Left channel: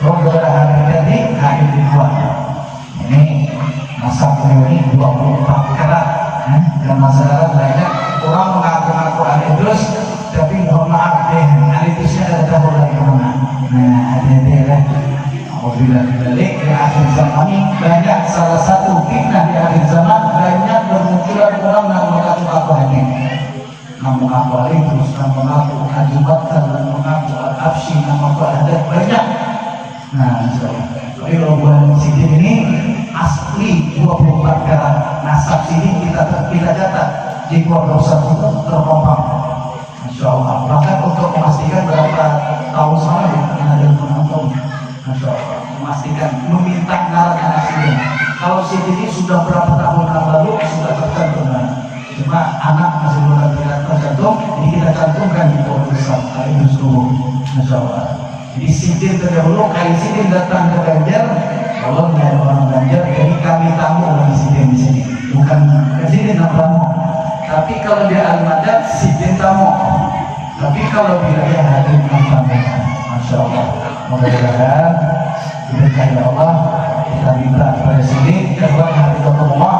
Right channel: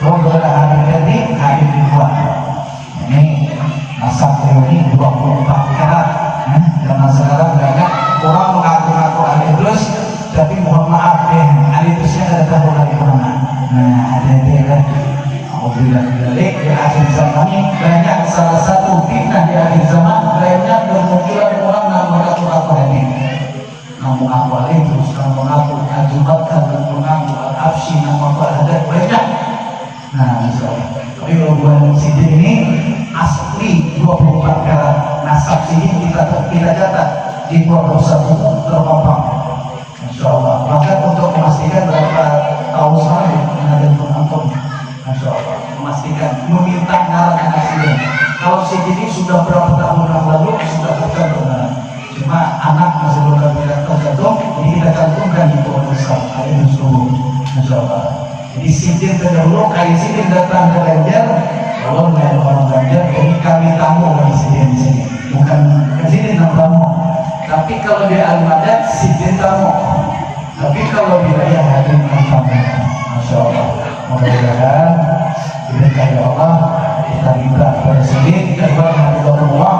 Beberapa hari ini hari kedua ini nasab ini 24 karat karena sekarang banyak orang mengaku-ngaku alidus tapi mohon maaf deh alidusnya ada tahu dari mana. Nah ada apabila balik di akhir zaman banyak salah satu fitnah di akhir zaman banyak bermunculan orang yang mengaku-ngaku ini mengaku alidus, mengaku ajubatkan, mengaku al-afsi, mengaku al-hadat banyak. Nah, tapi kalau bulan sidin ini asli 24 karat nasab sidin kita catat di pondok satu terpampang, insya Allah. Bahkan untuk memastikan berapa tahun sekali ada penonton, insya Allah memastikan meminta ngarang anak sidin. Kalau sidin ini sudah berapa tahun yang lalu sudah tercantum, cuma anak masih belum tercantum, ini kita cantumkan di pondok besar. Ada suruh, insya Allah. Jadi sidin terdahulu, kayak sidin datang ke Banjar, kalau nggak ada orang Banjar, jadi kami tamu lagi sidin di sini, bukan sidin tamu. Tapi kalau dia al-madat, sidin tamu. Tapi kalau wilayah hadir tamu, masya Allah. Mudah-mudahan diberkahi Allah, kita minta kepada sidin, kepada hafizahullah.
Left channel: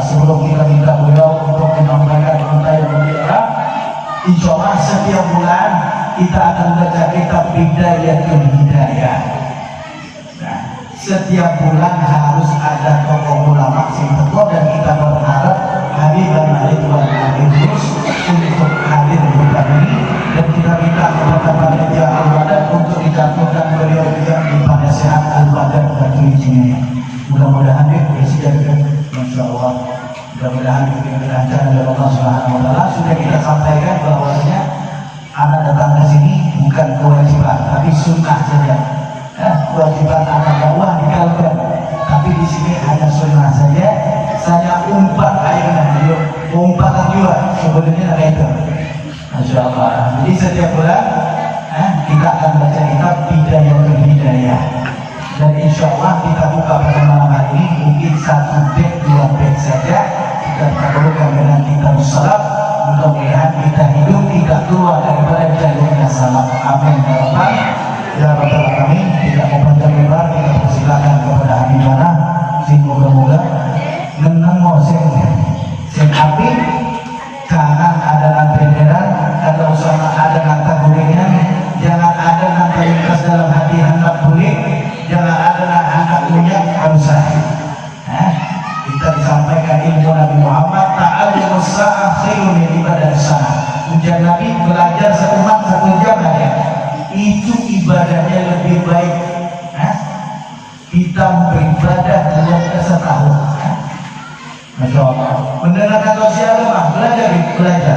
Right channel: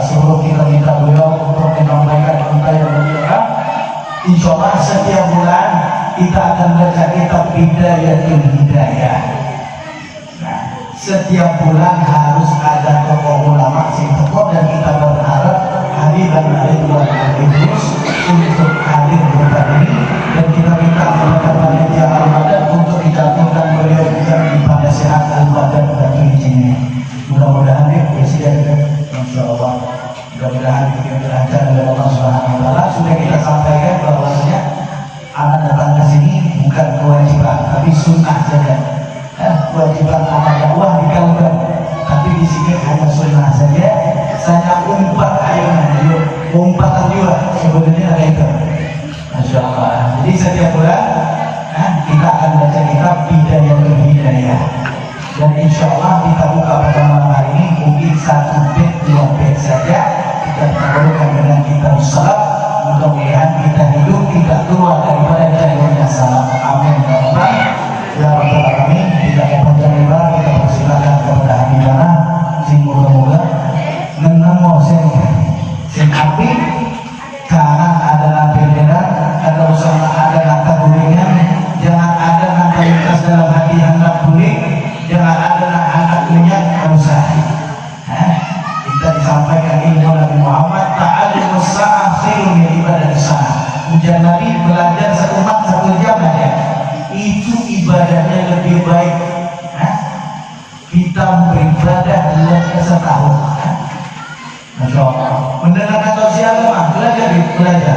Sebelum kita minta beliau untuk menyampaikan berita yang mulia, insya Allah setiap bulan kita akan baca kitab Bidayatul Hidayah. Nah, setiap bulan harus ada tokoh ulama Singapura dan kita berharap Habibana Ridwan Idrus untuk hadir di tempat ini dan kita minta kepada panitia Al-Madad untuk dicantumkan beliau juga di pada sehat Al-Madad bagi ini. Mudah-mudahan ya presiden, insya Allah. Mudah-mudahan kita dilancarkan oleh Allah Subhanahu Wa Taala. Sudah kita sampaikan bahwasanya anak datang ke sini bukan kewajiban, tapi sunnah saja. Kewajiban anak dakwah di Kalbar, tapi di sini hanya sunnah saja. Saya umpat ayunan, umpatan juga sebenarnya ada itu. Masya Allah. Jadi setiap bulan kita akan baca kitab Bidayatul Hidayah. Dan insya Allah kita buka pada malam hari ini mungkin 1 bed 2 bed saja. Kita perlukan dengan kitab salaf. Mudah-mudahan kita hidup tidak keluar daripada jalurnya salaf. Amin ya rabbal ya rabbal alamin. Tidak panjang lebar, kita persilakan kepada Habibana sing moga-moga nemu sing api karena ada bendera, ada usaha, ada kata bunyinya. Jangan ada kata lintas dalam hati hendak bunyi, jangan ada hendak punya manusia. Kita disampaikan ilmu Nabi Muhammad ta'allum as-sa'ah khairun min ibadah as-sa'ah. Ujian Nabi belajar seumat 1 jam aja, itu ibadahnya lebih baik kita beribadah lebih setahun. Masya Allah. Mendengarkan tausiah lemah, belajar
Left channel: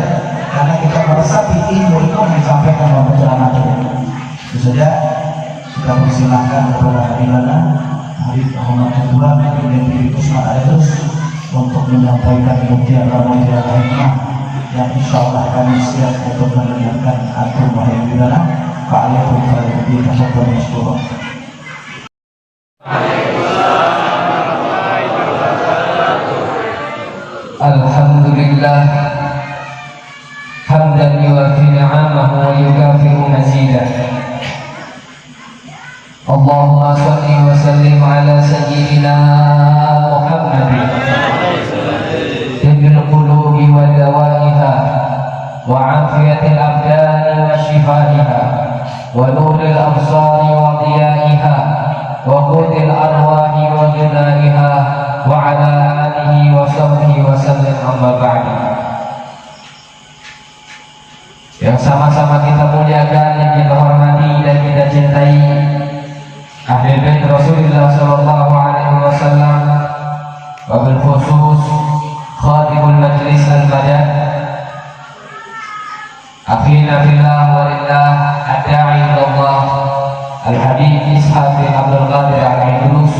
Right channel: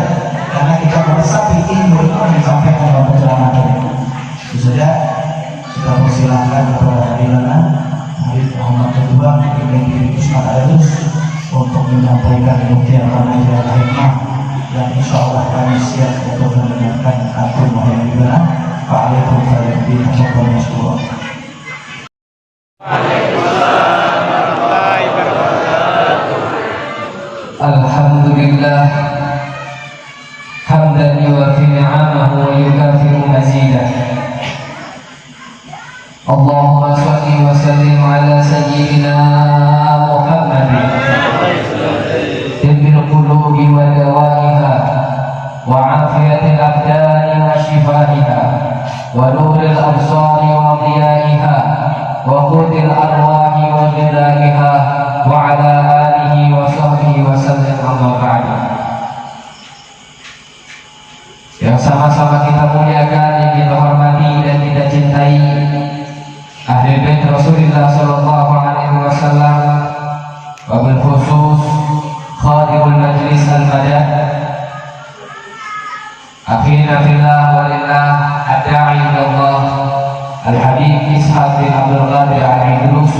karena kita meresapi ilmu itu yang disampaikan dalam penceramah ini. Itu saja kita persilahkan kepada Habibana Habib Muhammad Kedua Negeri Usman Aidus untuk menyampaikan kemudian pengajian hikmah yang insya Allah kami siap untuk mendengarkan atur Habibana Pak Alaikum Warahmatullahi Wabarakatuh. Alhamdulillah hamdan yuwafi ni'amahu wa yukafi'u mazidah. Allahumma shalli wa sallim ala sayyidina Muhammadin tibbil qulubi wa dawaiha wa afiyatil abdani wa shifaiha wa nuril absari wa diyaiha wa qudil arwahi wa ghidaiha wa ala alihi wa sahbihi wa sallim amma ba'du. Yang sama-sama kita muliakan, yang kita hormati dan kita cintai ahli bait Rasulullah sallallahu alaihi wasallam, wabil khusus khatibul majlis al-madad, akhina fillah walillah ad-da'i ilallah al-habib Ishaq bin Abdul Qadir al-Idrus.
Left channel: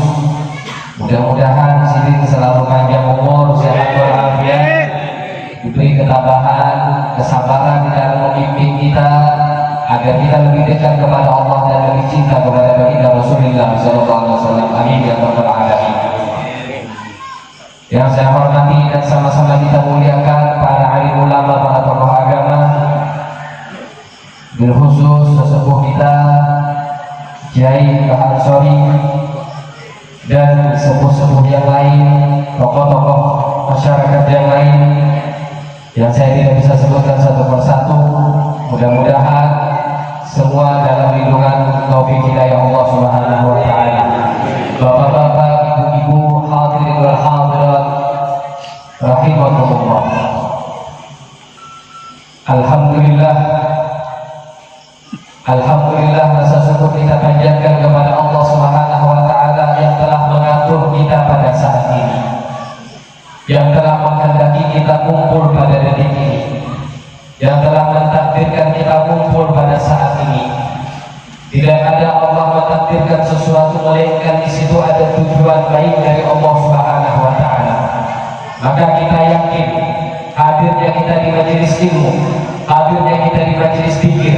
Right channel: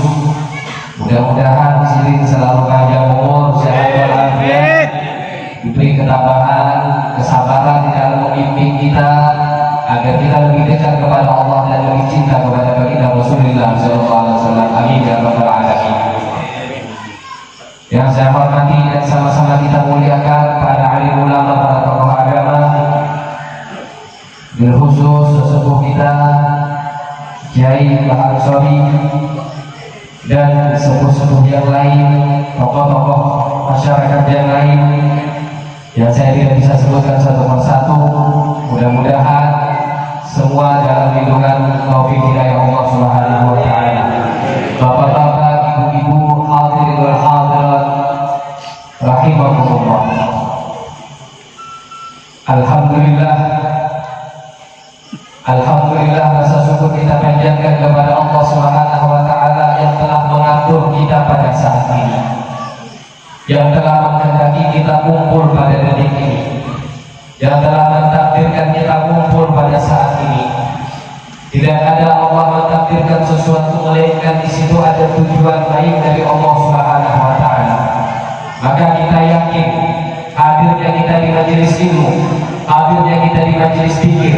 Mudah-mudahan sidin selalu panjang umur, sehat walafiat, diberi ketabahan, kesabaran di dalam memimpin kita agar kita lebih dekat kepada Allah dan lebih cinta kepada baginda Rasulullah SAW. Amin ya rabbal alamin. Yang saya hormati dan sama-sama kita muliakan para alim ulama, para tokoh agama, bil khusus sesepuh kita Kiai Al-Ansori dan sepuh-sepuh yang lain, tokoh-tokoh masyarakat yang lain yang saya tidak bisa sebutkan satu persatu. Mudah-mudahan semua dalam lindungan taufik hidayah Allah Subhanahu wa taala. Bapak-bapak, ibu-ibu, hadirin wal hadirat rahimakumullah. Alhamdulillah, rasa syukur kita panjatkan kepada Allah Subhanahu wa taala yang telah mengatur kita pada saat ini, yang telah menghendaki kita kumpul pada detik ini, yang telah mentakdirkan kita kumpul pada saat ini. Tidak ada Allah mentakdirkan sesuatu melainkan di situ ada tujuan baik dari Allah Subhanahu wa taala. Maka kita yakin hadirnya kita di majelis ilmu, hadirnya kita di majelis zikir,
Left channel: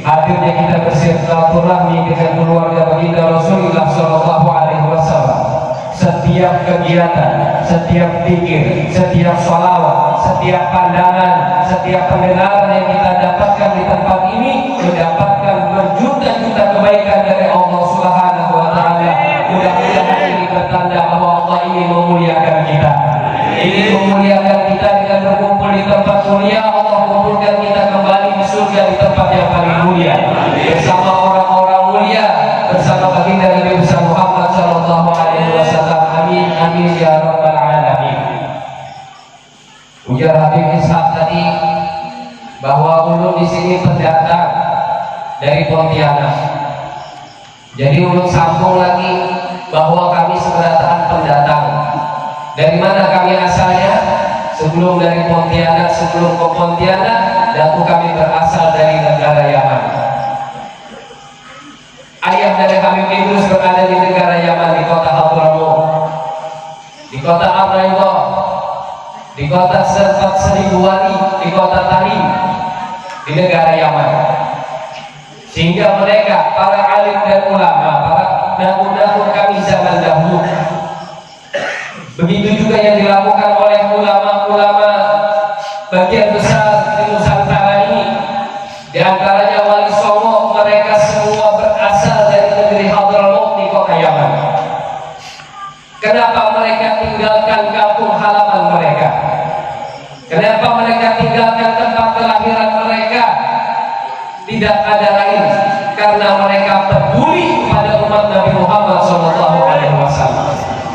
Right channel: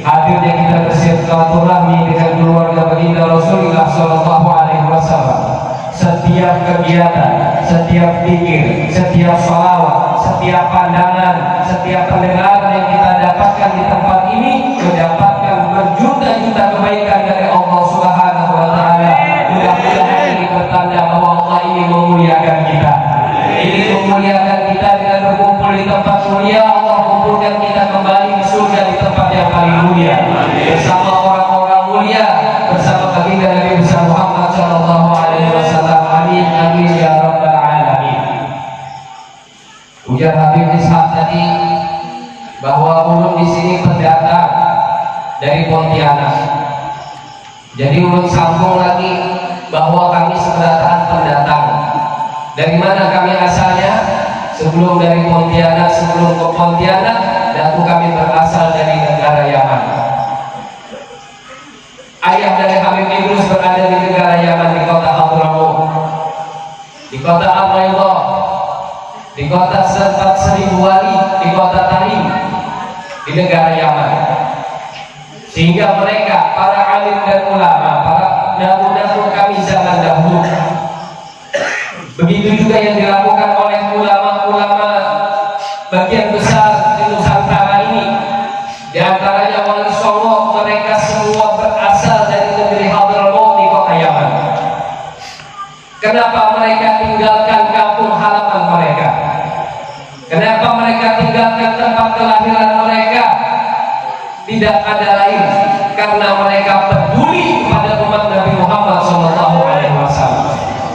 hadirnya kita bersilaturahmi dengan keluarga baginda Rasulullah sallallahu alaihi wasallam. Setiap kegiatan, setiap zikir, setiap sholawat, setiap pandangan, setiap pendengaran yang kita dapatkan di tempat ini mendapatkan berjuta-juta kebaikan dari Allah Subhanahu wa taala. Mudah-mudahan ini bertanda bahwa Allah ini memuliakan kita. Ini memuliakan kita dengan berkumpul di tempat mulia. Allah kumpulkan kita kembali di surga di tempat yang paling mulia bersama orang-orang mulia, bersama baginda Nabi besar Muhammad sallallahu alaihi wasallam. Amin amin ya rabbal alamin. Ujar Habib Ishaq tadi bahwa ulun di sini pendatang dari Pontianak. Jadi ulun sambung lagi bahwa kami sebenarnya pendatang. Dari mana kami asalnya? Sebelum dari Pontianak, sebelum ke Pontianak, dahulu kami berasal dari negara Yaman. Ayah dari Habib Idrus berada di negara Yaman, di kota Hadramaut, di kota Ar-Raidhah, di kota Serpat Seribu Wali, di kota Tarim, di negara Yaman. Sehingga mereka, para alim dan ulama, para nabi-nabi kami zaman dahulu, begitu juga yang dilakukan oleh ulama-ulama bagian besar di Nusantara ini. Di antaranya Wali Songo, mereka semua berasal dari negeri Hadramaut di kota Yaman. Kenapa mereka tinggalkan kampung halaman mereka? Kenapa mereka tinggalkan tempat kelahiran mereka? Tidak ada lain karena mereka peduli kepada umat Nabi Muhammad SAW.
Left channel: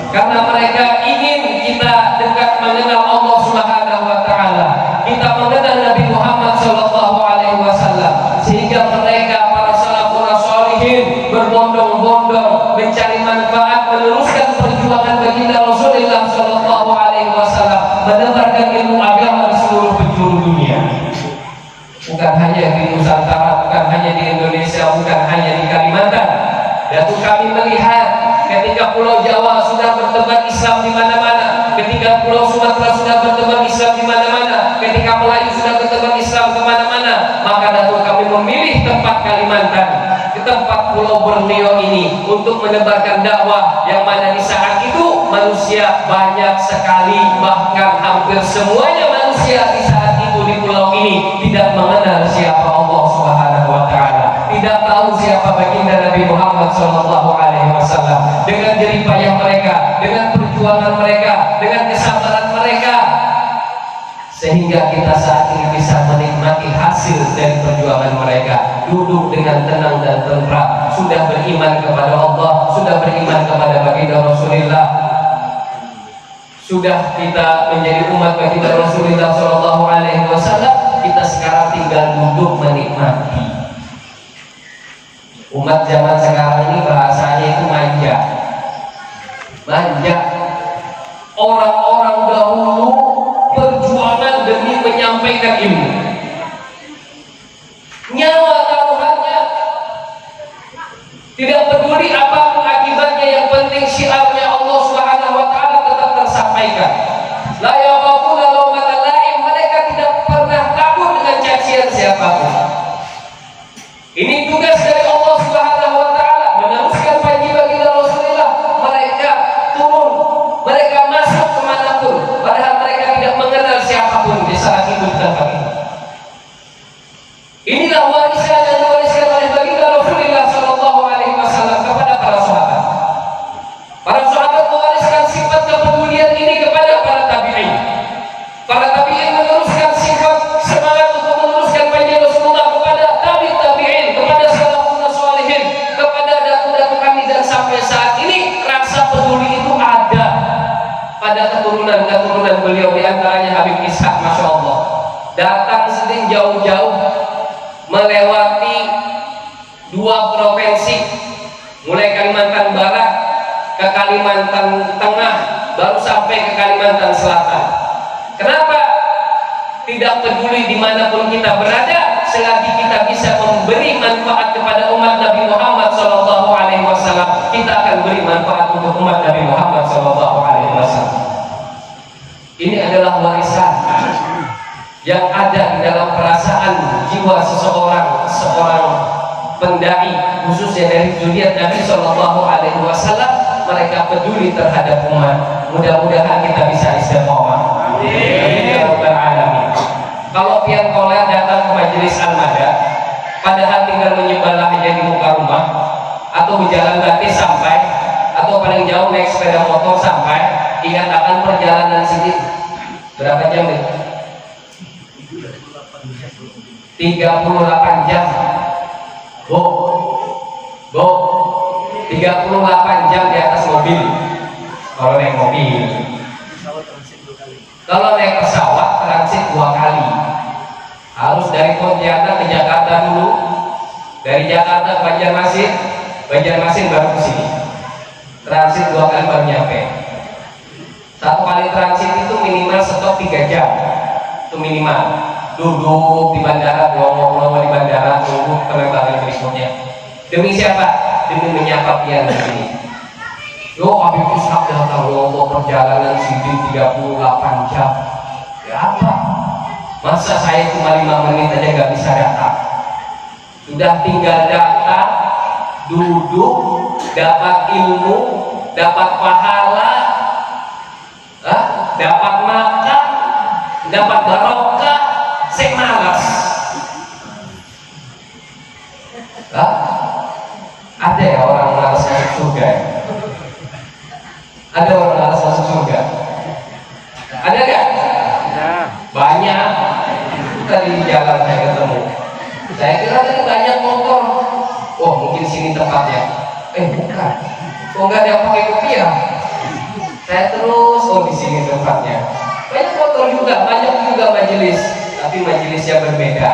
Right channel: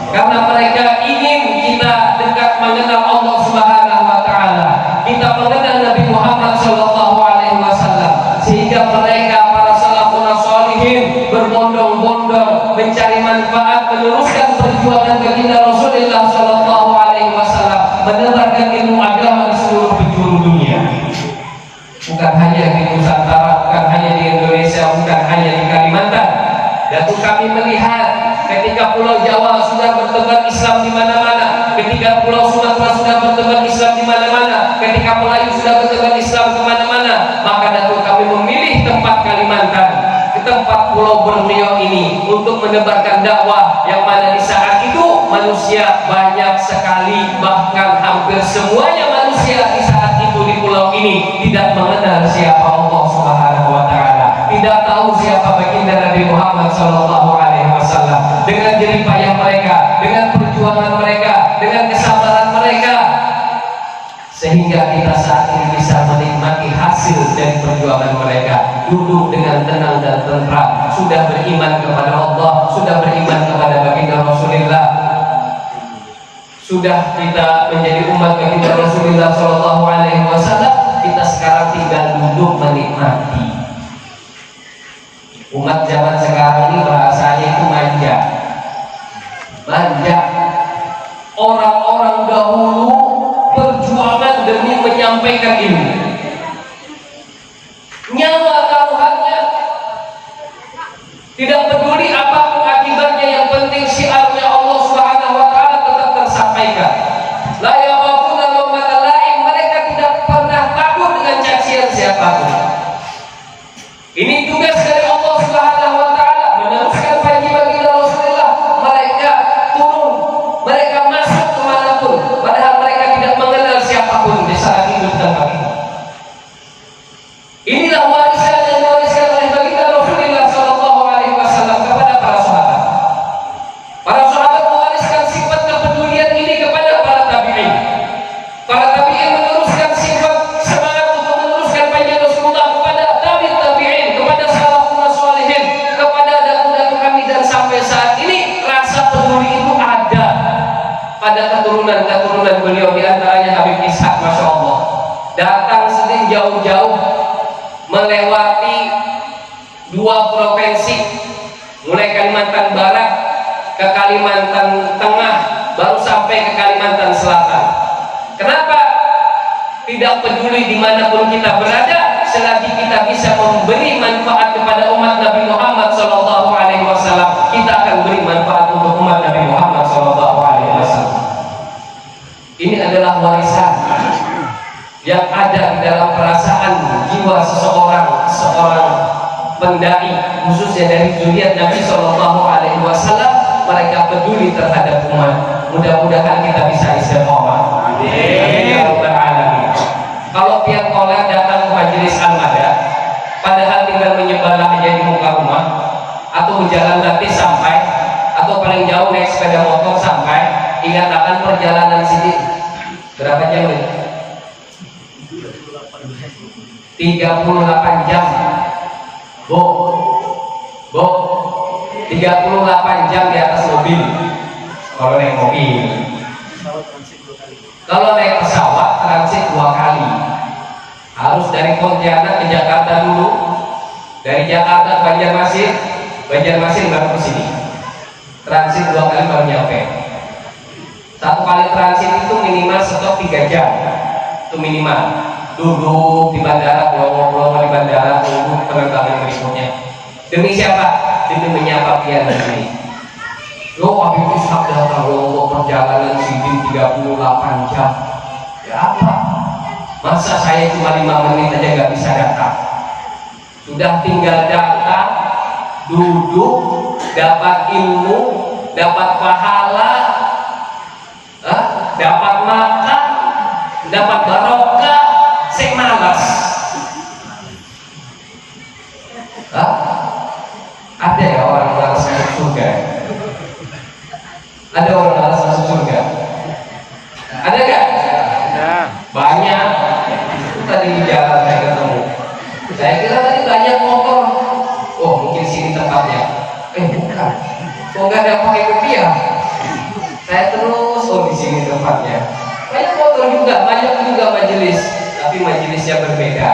Karena mereka ingin kita dekat mengenal Allah Subhanahu wa taala, kita mengenal Nabi Muhammad sallallahu alaihi wasallam, sehingga mereka para salafun sholihin berbondong-bondong mencari manfaat, meneruskan perjuangan baginda Rasulullah sallallahu alaihi wasallam, menebarkan ilmu agama di seluruh penjuru dunia. Bukan hanya di Nusantara, bukan hanya di Indonesia, bukan hanya di Kalimantan. Datuk kami melihat ketika Pulau Jawa sudah bertebar Islam di mana-mana, ketika Pulau Sumatera sudah bertebar Islam di mana-mana, ketika Melayu sudah bertebar Islam ke mana-mana, maka datuk kami memilih tempat Kalimantan, ke tempat Pulau Borneo ini untuk menebarkan dakwah, yang mana di saat itu manusia banyak sekali, bahkan hampir semuanya manusia di saat itu di pulau ini tidak mengenal siapa Allah Subhanahu wa taala, tidak tahu siapa baginda Nabi Muhammad sallallahu alaihi wasallam. Dengan jerih payah mereka, dengan perjuangan mereka, dengan kesabaran mereka, sehingga kita saat ini bisa menikmati hasil dari perjuangan mereka. Duduk dengan tenang dan tentram, sudah beriman kepada Allah, sudah beriman kepada baginda Rasulullah, sudah kita menjadi umat baginda Rasulullah sallallahu alaihi wasallam. Kita sekarang tinggal duduk menikmati. Umat zaman sekarang ini bahasanya itu manja. Manja. Orang-orang dahulu perjuangan demi menyampaikan ilmu, nyawa taruhannya, tidak peduli apapun akibatnya, yang penting syiarnya Allah Subhanahu wa taala tetap tersampaikan. La yakhafuna laumata laim, mereka tidak pernah takut dengan cacian siapapun. Ini tugas dari Allah Subhanahu wa taala, meneruskan panji baginda Rasulullah. Mereka turun, mereka masuk kemanapun, padahal mereka tidak mengenal siapapun di saat itu di tempat itu. Inilah warisan yang diwariskan oleh baginda Rasulullah sallallahu alaihi wasallam. sampai saat ini rasa peduli itu ada pada keturunan-keturunan beliau, di antaranya Habib Ishaq, Masya Allah, datang sendiri jauh-jauh melewati 2 provinsi, mulai Kalimantan Barat ke Kalimantan Tengah, baru sampai ke Kalimantan Selatan. Kenapa? Tidak peduli dimanapun kita berada, selagi kita bisa memberi manfaat kepada umat Nabi Muhammad SAW, kita akan beri manfaat untuk umat Nabi Muhammad SAW. Ini adalah warisan yang ada di dalam perasaan jiwa seorang pendai, khususnya dari zuriat Nabi SAW. Mereka peduli terhadap umat. Mudah-mudahan kita bisa istiqomah. Amin ya rabbal alamin. Kalau tiap koler datang ke majelis Al-Mada, padahal tinggal menyebelah aja di muka rumah, atau berjalan kaki sampai, atau paling jauh naik sepeda motor sampai, ingat akan perjalanan sini berapa jam nih? 38 jam. Bu, 38 jam di atas mobil. Kalau naik mobil. Kalau naik pesawat transit 2 kali. Harus dari Pontianak ke Jakarta dulu, dari Jakarta ke Banjarmasin, Banjarmasin baru ke sini. Transit 2 kali baru nyampe. 1 kali transit itu minimal stop 3 jam. Itu minimal. Duduk di bandara, ngobrol-ngobrol di bandara, tunggu penerbangan berikutnya. Demi siapa? Demi menyapa pian di sini. Yo, Habib Ishaq datang, ya Allah, perjalanan sidin 38 jam. Ya apa? Masa saya cuma 5 menit aja nggak bisa datang? Sudah tinggal datang, duduk, dapat ilmu, dapat pahala, dapat makan, dapat barokah, saya malas. Ada ya orang malas masuk surga? Ada orang malas masuk surga? Ada gak? Banyak. Itu tadi di jalan saya ketemu. Saya kira tadi banyak motor. Oh, mungkin sini tempatnya. Bukan. Kok nggak ada yang pakai kopiah? Saya terus, oh di sini tempatnya. Banyak motor juga, banyak juga majelis, tapi majelisnya berbeda.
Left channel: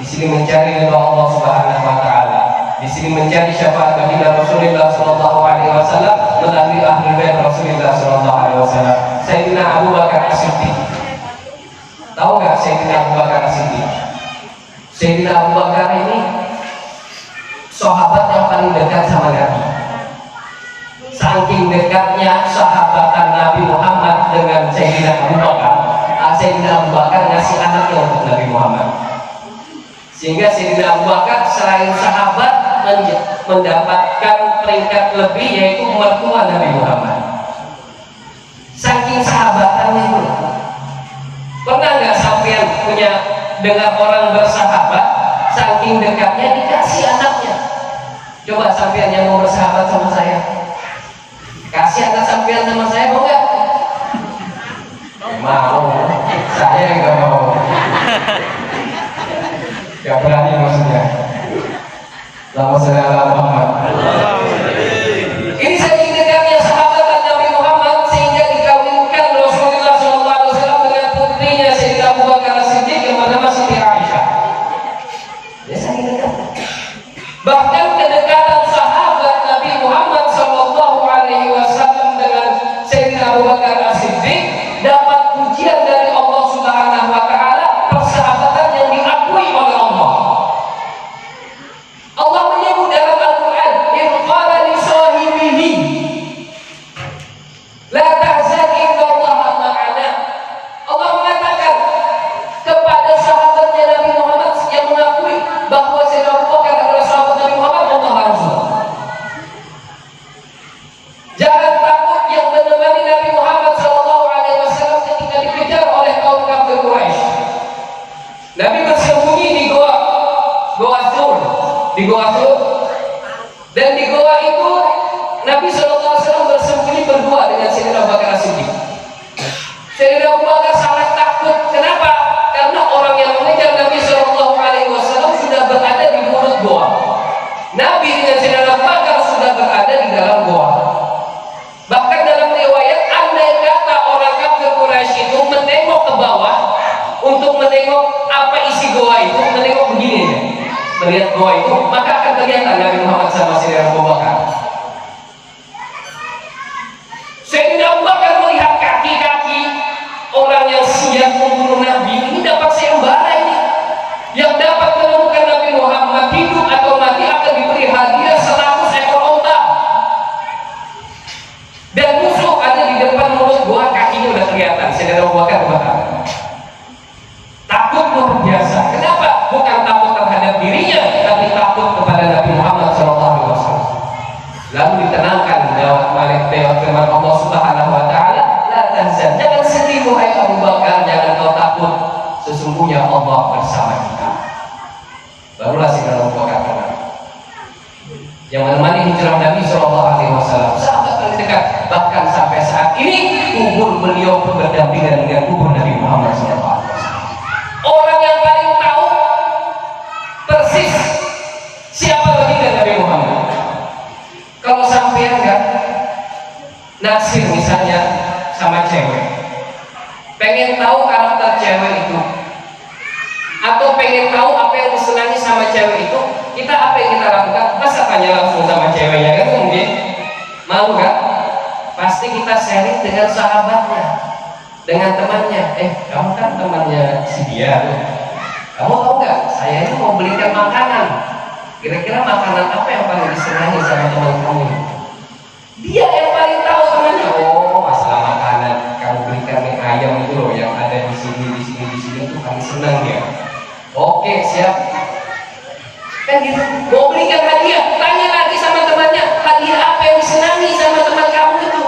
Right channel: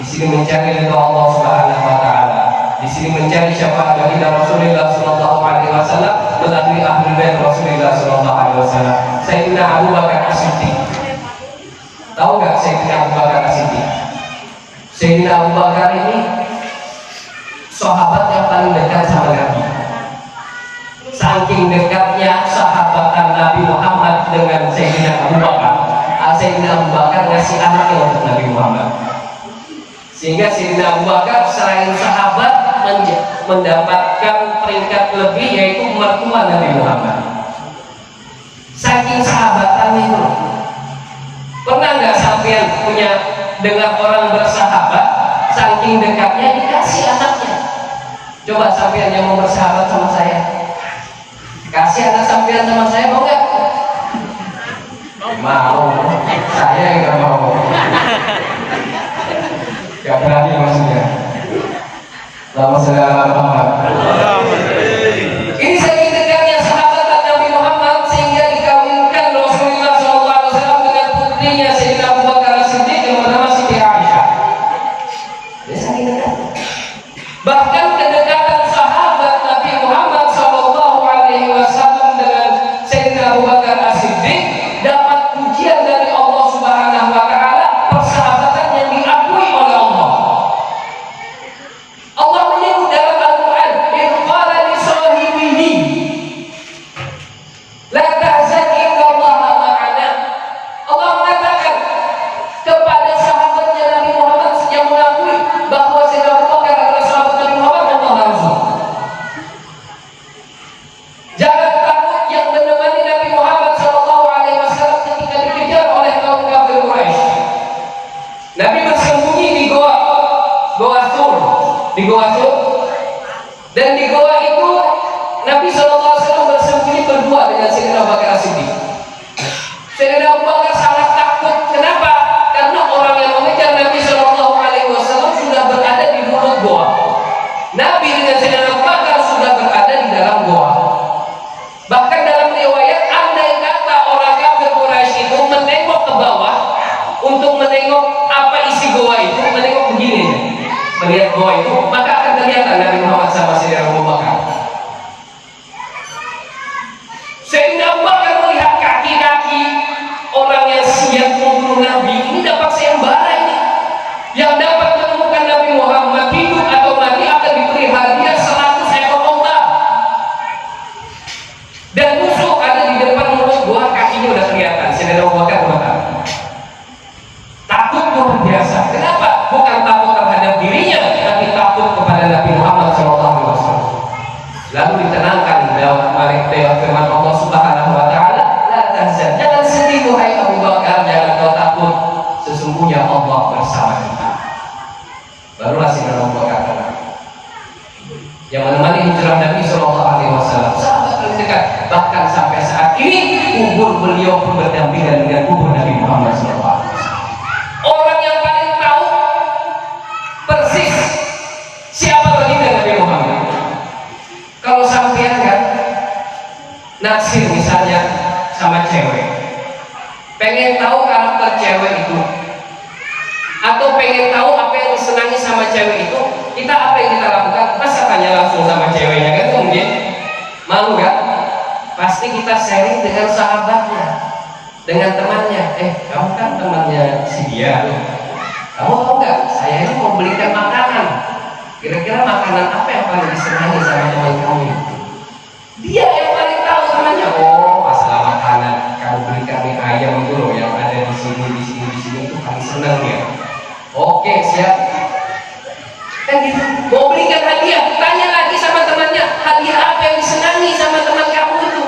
Di sini mencari ridho Allah Subhanahu wa taala. Di sini mencari syafaat baginda Rasulullah sallallahu alaihi wasallam melalui ahlul bait Rasulullah sallallahu alaihi wasallam. Sayyidina Abu Bakar As-Siddiq. Tahu enggak Sayyidina Abu Bakar As-Siddiq? Sayyidina Abu Bakar ini sahabat yang paling dekat sama Nabi. Saking dekatnya sahabatan Nabi Muhammad dengan Sayyidina Abu Bakar, Sayyidina Abu Bakar ngasih anaknya untuk Nabi Muhammad. Sehingga Sayyidina Abu Bakar selain sahabat mendapatkan peringkat lebih, yaitu mertua Nabi Muhammad. Saking sahabatannya itu. Pernah nggak sampean punya dengar orang bersahabat, saking dekatnya dikasih anaknya? Coba sampean yang mau bersahabat sama saya, kasih anak sampean sama saya, mau nggak? Mau. Saya nggak mau. Gak berani maksudnya. Lama saudara Muhammad. Ini saking dekatnya sahabat Nabi Muhammad sehingga dikawinkan Rasulullah SAW dengan putrinya Sayyidina Abu Bakar As-Siddiq yang bernama Siti Aisyah. Dia saking dekat. Bahkan kedekatan sahabat Nabi Muhammad SAW dengan Sayyidina Abu Bakar As-Siddiq dapat pujian dari Allah Subhanahu wa taala, persahabatan yang diakui oleh Allah. Allah menyebut dalam Al-Quran, "Idh qala li sahibihi la tahzan innallaha ma'ana." Allah mengatakan kepada sahabatnya Nabi Muhammad yang mengakui bahwa Sayyidina Abu Bakar adalah sahabat Nabi Muhammad, Allah langsung, jangan takut, yang menemani Nabi Muhammad SAW ketika dikejar oleh kaum kafir Quraisy. Nabi bersembunyi di Goa Sur, di Goa Sur, dan di Goa itu Nabi SAW bersembunyi berdua dengan Sayyidina Abu Bakar As-Siddiq. Sayyidina Abu Bakar sangat takut. Kenapa? Karena orang yang mengejar Nabi SAW sudah berada di mulut goa. Nabi dengan Sayyidina Abu Bakar sudah berada ada di dalam goa. Bahkan dalam riwayat, andai kata orang kafir Quraisy itu menengok ke bawah untuk menengok apa isi goa itu, menengok begini aja, melihat goa itu, maka akan kelihatan Nabi Muhammad sama Sayyidina Abu Bakar. Sayyidina Abu Bakar melihat kaki-kaki orang yang siap membunuh Nabi, ini dapat sayembara ini. Yang dapat menemukan Nabi Muhammad hidup atau mati akan diberi hadiah 100 ekor onta. Dan musuh ada di depan mulut gua, kakinya udah kelihatan. Sayyidina Abu Bakar kemana? Takut luar biasa. Kenapa? Bukan takut terhadap dirinya, tapi takut kepada Nabi Muhammad SAW. Lalu ditenangkan dalam firman Allah Subhanahu Wa Taala, la tahzan, jangan sedih wahai Abu Bakar, jangan kau takut, sesungguhnya Allah bersama kita. Barulah Sayyidina Abu Bakar tenang. Yang menemani hijrah Nabi SAW, sahabat paling dekat, bahkan sampai saat ini kubur beliau pun berdampingan dengan kubur Nabi Muhammad SAW. Orang yang paling tahu persis siapa baginda Nabi Muhammad. Kalau sampean kan naksir misalnya sama cewek, pengen tahu karakter cewek itu, atau pengen tahu apa yang disenangi sama cewek itu, kita apa yang kita lakukan? Masa tanya langsung sama ceweknya kan? Mungkin malu kan? Pasti kita sharing dengan sahabatnya, dengan temannya. Kamu kan temannya si dia tuh, kamu tahu nggak? Saya ini mau belikan makanan. Kira-kira makanan apa yang paling disenangi sama teman kamu? Dia yang paling tahu temannya. Oh, masalah makanan, kamu belikan mie ayam itu loh yang ada di sini itu paling senang dia. Oke, siap. Kan gitu. Mau belikan hadiah, tanya lagi sama temannya, hadiah apa yang disenangi sama teman kamu itu?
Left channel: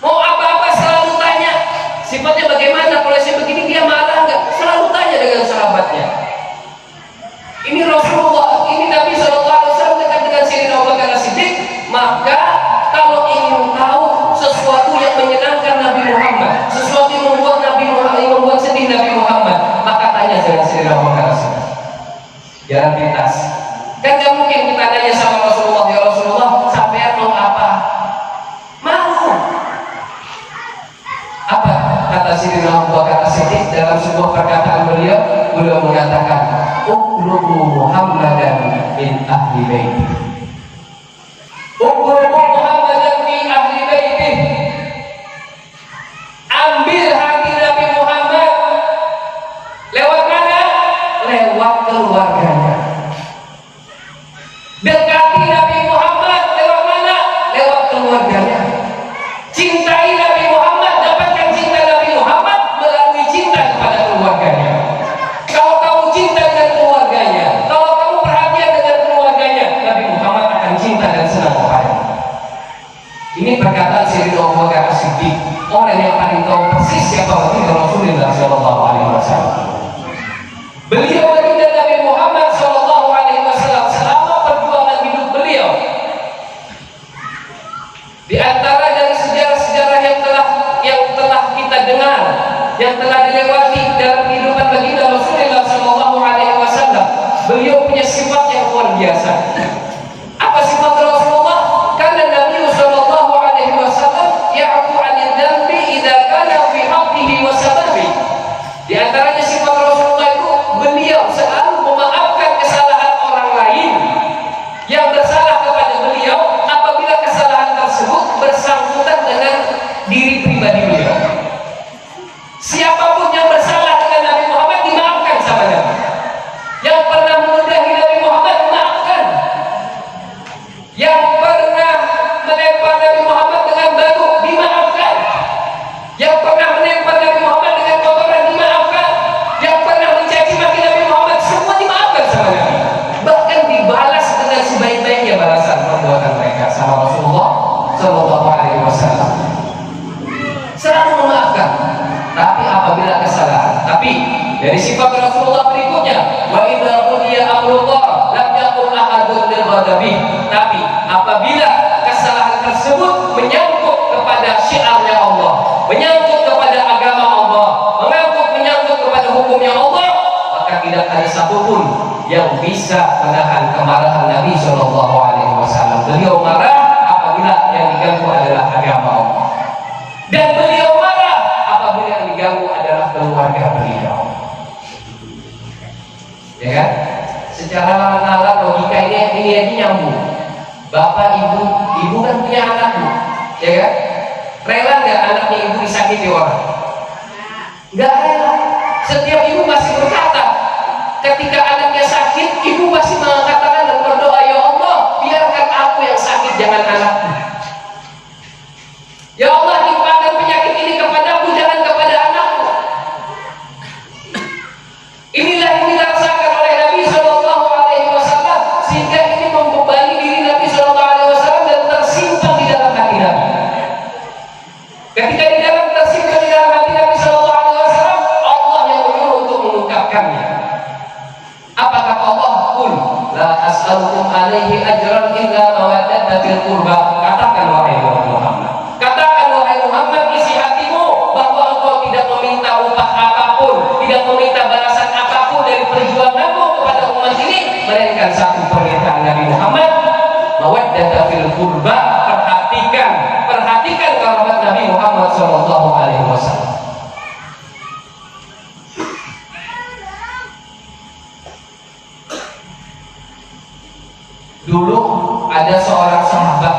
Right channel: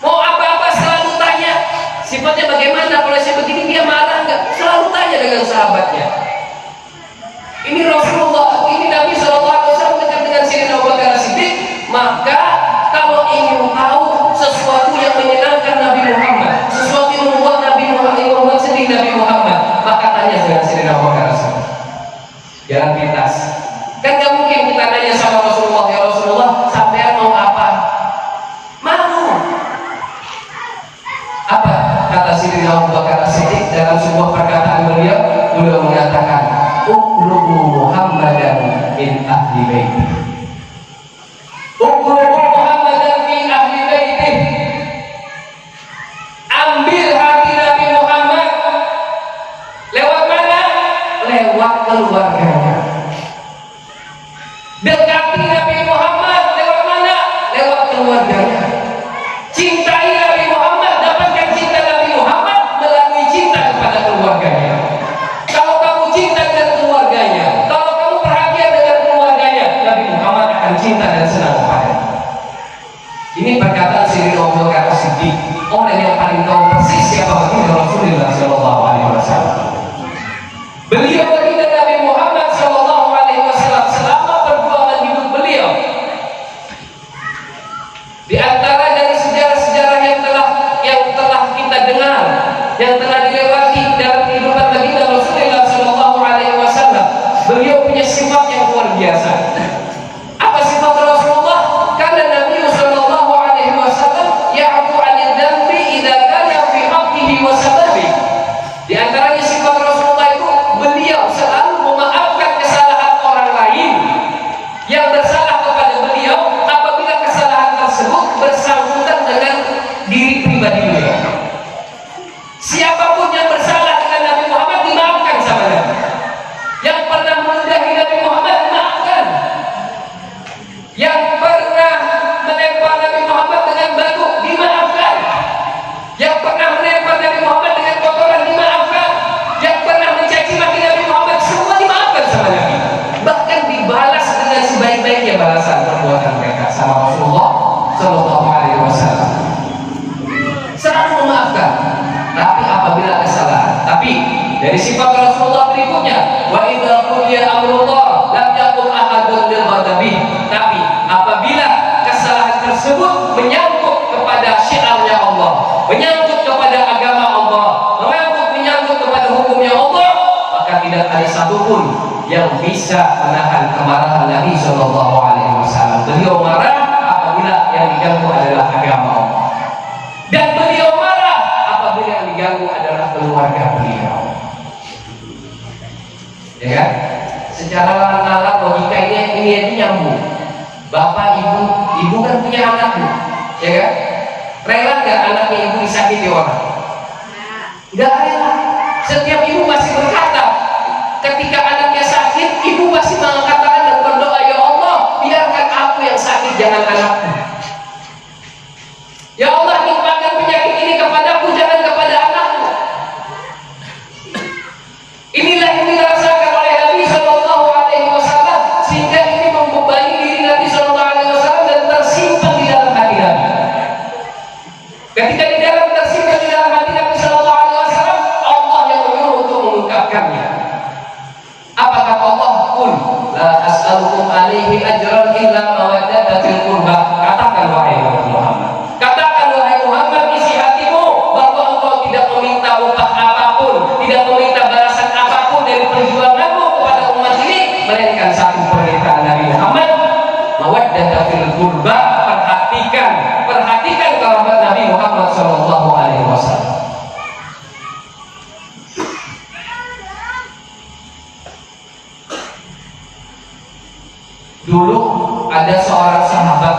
Mau apa-apa selalu tanya. Sifatnya bagaimana? Kalau saya begini dia marah nggak? Selalu tanya dengan sahabatnya. Ini Rasulullah, ini Nabi SAW dekat dengan Sayyidina Abu Bakar As-Siddiq. Maka kalau ingin tahu sesuatu yang menyenangkan Nabi Muhammad, sesuatu yang membuat Nabi Muhammad, yang membuat sedih Nabi Muhammad, maka tanya dengan Sayyidina Abu Bakar As-Siddiq. Jangan pintas. Kan gak mungkin kita nanya sama Rasulullah, ya Rasulullah, sampean mau apa? Mau. Apa kata Sayyidina Abu Bakar As-Siddiq dalam sebuah perkataan beliau mengatakan, Uqlubu Muhammadan min ahli baiti. Uqlubu Muhammadan min ahli baiti. Ambil hati Nabi Muhammad. Lewat mana? Lewat keluarganya. Dekati Nabi Muhammad lewat mana? Lewat keluarganya. Cintai Nabi Muhammad, dapatkan cinta Nabi Muhammad melalui cinta kepada keluarganya. Kalau kamu cinta dengan keluarganya, kalau kamu perhatian dengan keluarganya, Nabi Muhammad akan cinta dan senang kepadanya. Ini perkataan Sayyidina Abu Bakar As-Siddiq, orang yang paling tahu persis siapa baginda Rasulullah SAW. Beliau baginda Nabi Muhammad SAW selama perjuangan hidup beliau. Di antara dari sejarah-sejarah yang telah kita dengar, yang telah dilewati dalam kehidupan baginda Rasulullah SAW, beliau punya sifat yang luar biasa. Apa sifat Rasulullah? Karena Nabi SAW ya'fu 'anil dzambi idza kana fi haqqihi wa sababi. Di antaranya sifat Rasulullah itu, beliau selalu memaafkan kesalahan orang lain yang bersalah kepada beliau apabila kesalahan tersebut bersangkutan dengan diri pribadi beliau. Siapapun yang bersalah dengan Nabi Muhammad dimaafkan sama Nabi. Yang pernah meludahi Nabi Muhammad dimaafkan. Yang pernah melempar Nabi Muhammad dengan batu dimaafkan. Yang pernah melempar Nabi Muhammad dengan kotoran dimaafkan. Yang pernah mencaci maki Nabi Muhammad, semua dimaafkan sama Nabi. Bahkan dibalas dengan sebaik-baiknya balasan perbuatan mereka sama Rasulullah SAW. Selalu memaafkan. Tapi apabila kesalahan, tapi dari sifat Rasulullah berikutnya, wa idza qudiya amrullah lam yakun ahadun lil ghadabi. Tapi apabila kesalahan tersebut menyangkut kepada syiarnya Allah, menyangkut kepada agama Allah, menyangkut kepada hukumnya Allah, maka tidak ada satupun yang bisa menahan kemarahan Nabi SAW. Beliau marah apabila yang diganggu adalah agama Allah. Dan beliau marah apabila yang diganggu adalah keluarga beliau. Ya kan? Secara nalar logika ini aja nyambung. Bapak, ibu kan punya anak, Bu. Ya kan? Rela nggak anaknya ibu disakiti orang? Nggak rela. Setiap ibu masih berkata, ketika anaknya sakit, ibu masih mengatakan dan berdoa, ya Allah, biarkan aku yang sakit, jangan anakku. Ya Allah, nimpahkan penyakit ini kepadaku, jangan kepada anakku. Inilah yang dirasakan oleh Nabi Shallallahu Alaihi Wasallam, sehingga ini membebani diri Nabi Shallallahu Alaihi Wasallam dan tersimpan di dalam hati Nabi. Ketika tersimpan di dalam hati Nabi Shallallahu Alaihi Wasallam, Allah yang menyuruh untuk mengungkapkannya. Apa kata Allah? Qul la as'alukum alaihi ajran illa mawaddata fil qurba. Katakan wahai Muhammad. Katakan wahai Muhammad, isi hatimu bahwa engkau tidak meminta upah apapun, tidak meminta balasan apapun dari perjuanganmu kepada umat ini, melainkan satu permintaan Nabi Muhammad, mawaddata fil qurba. Perhatikan kerabat Nabi Muhammad Shallallahu Alaihi Wasallam. Dulu ada seorang sahabat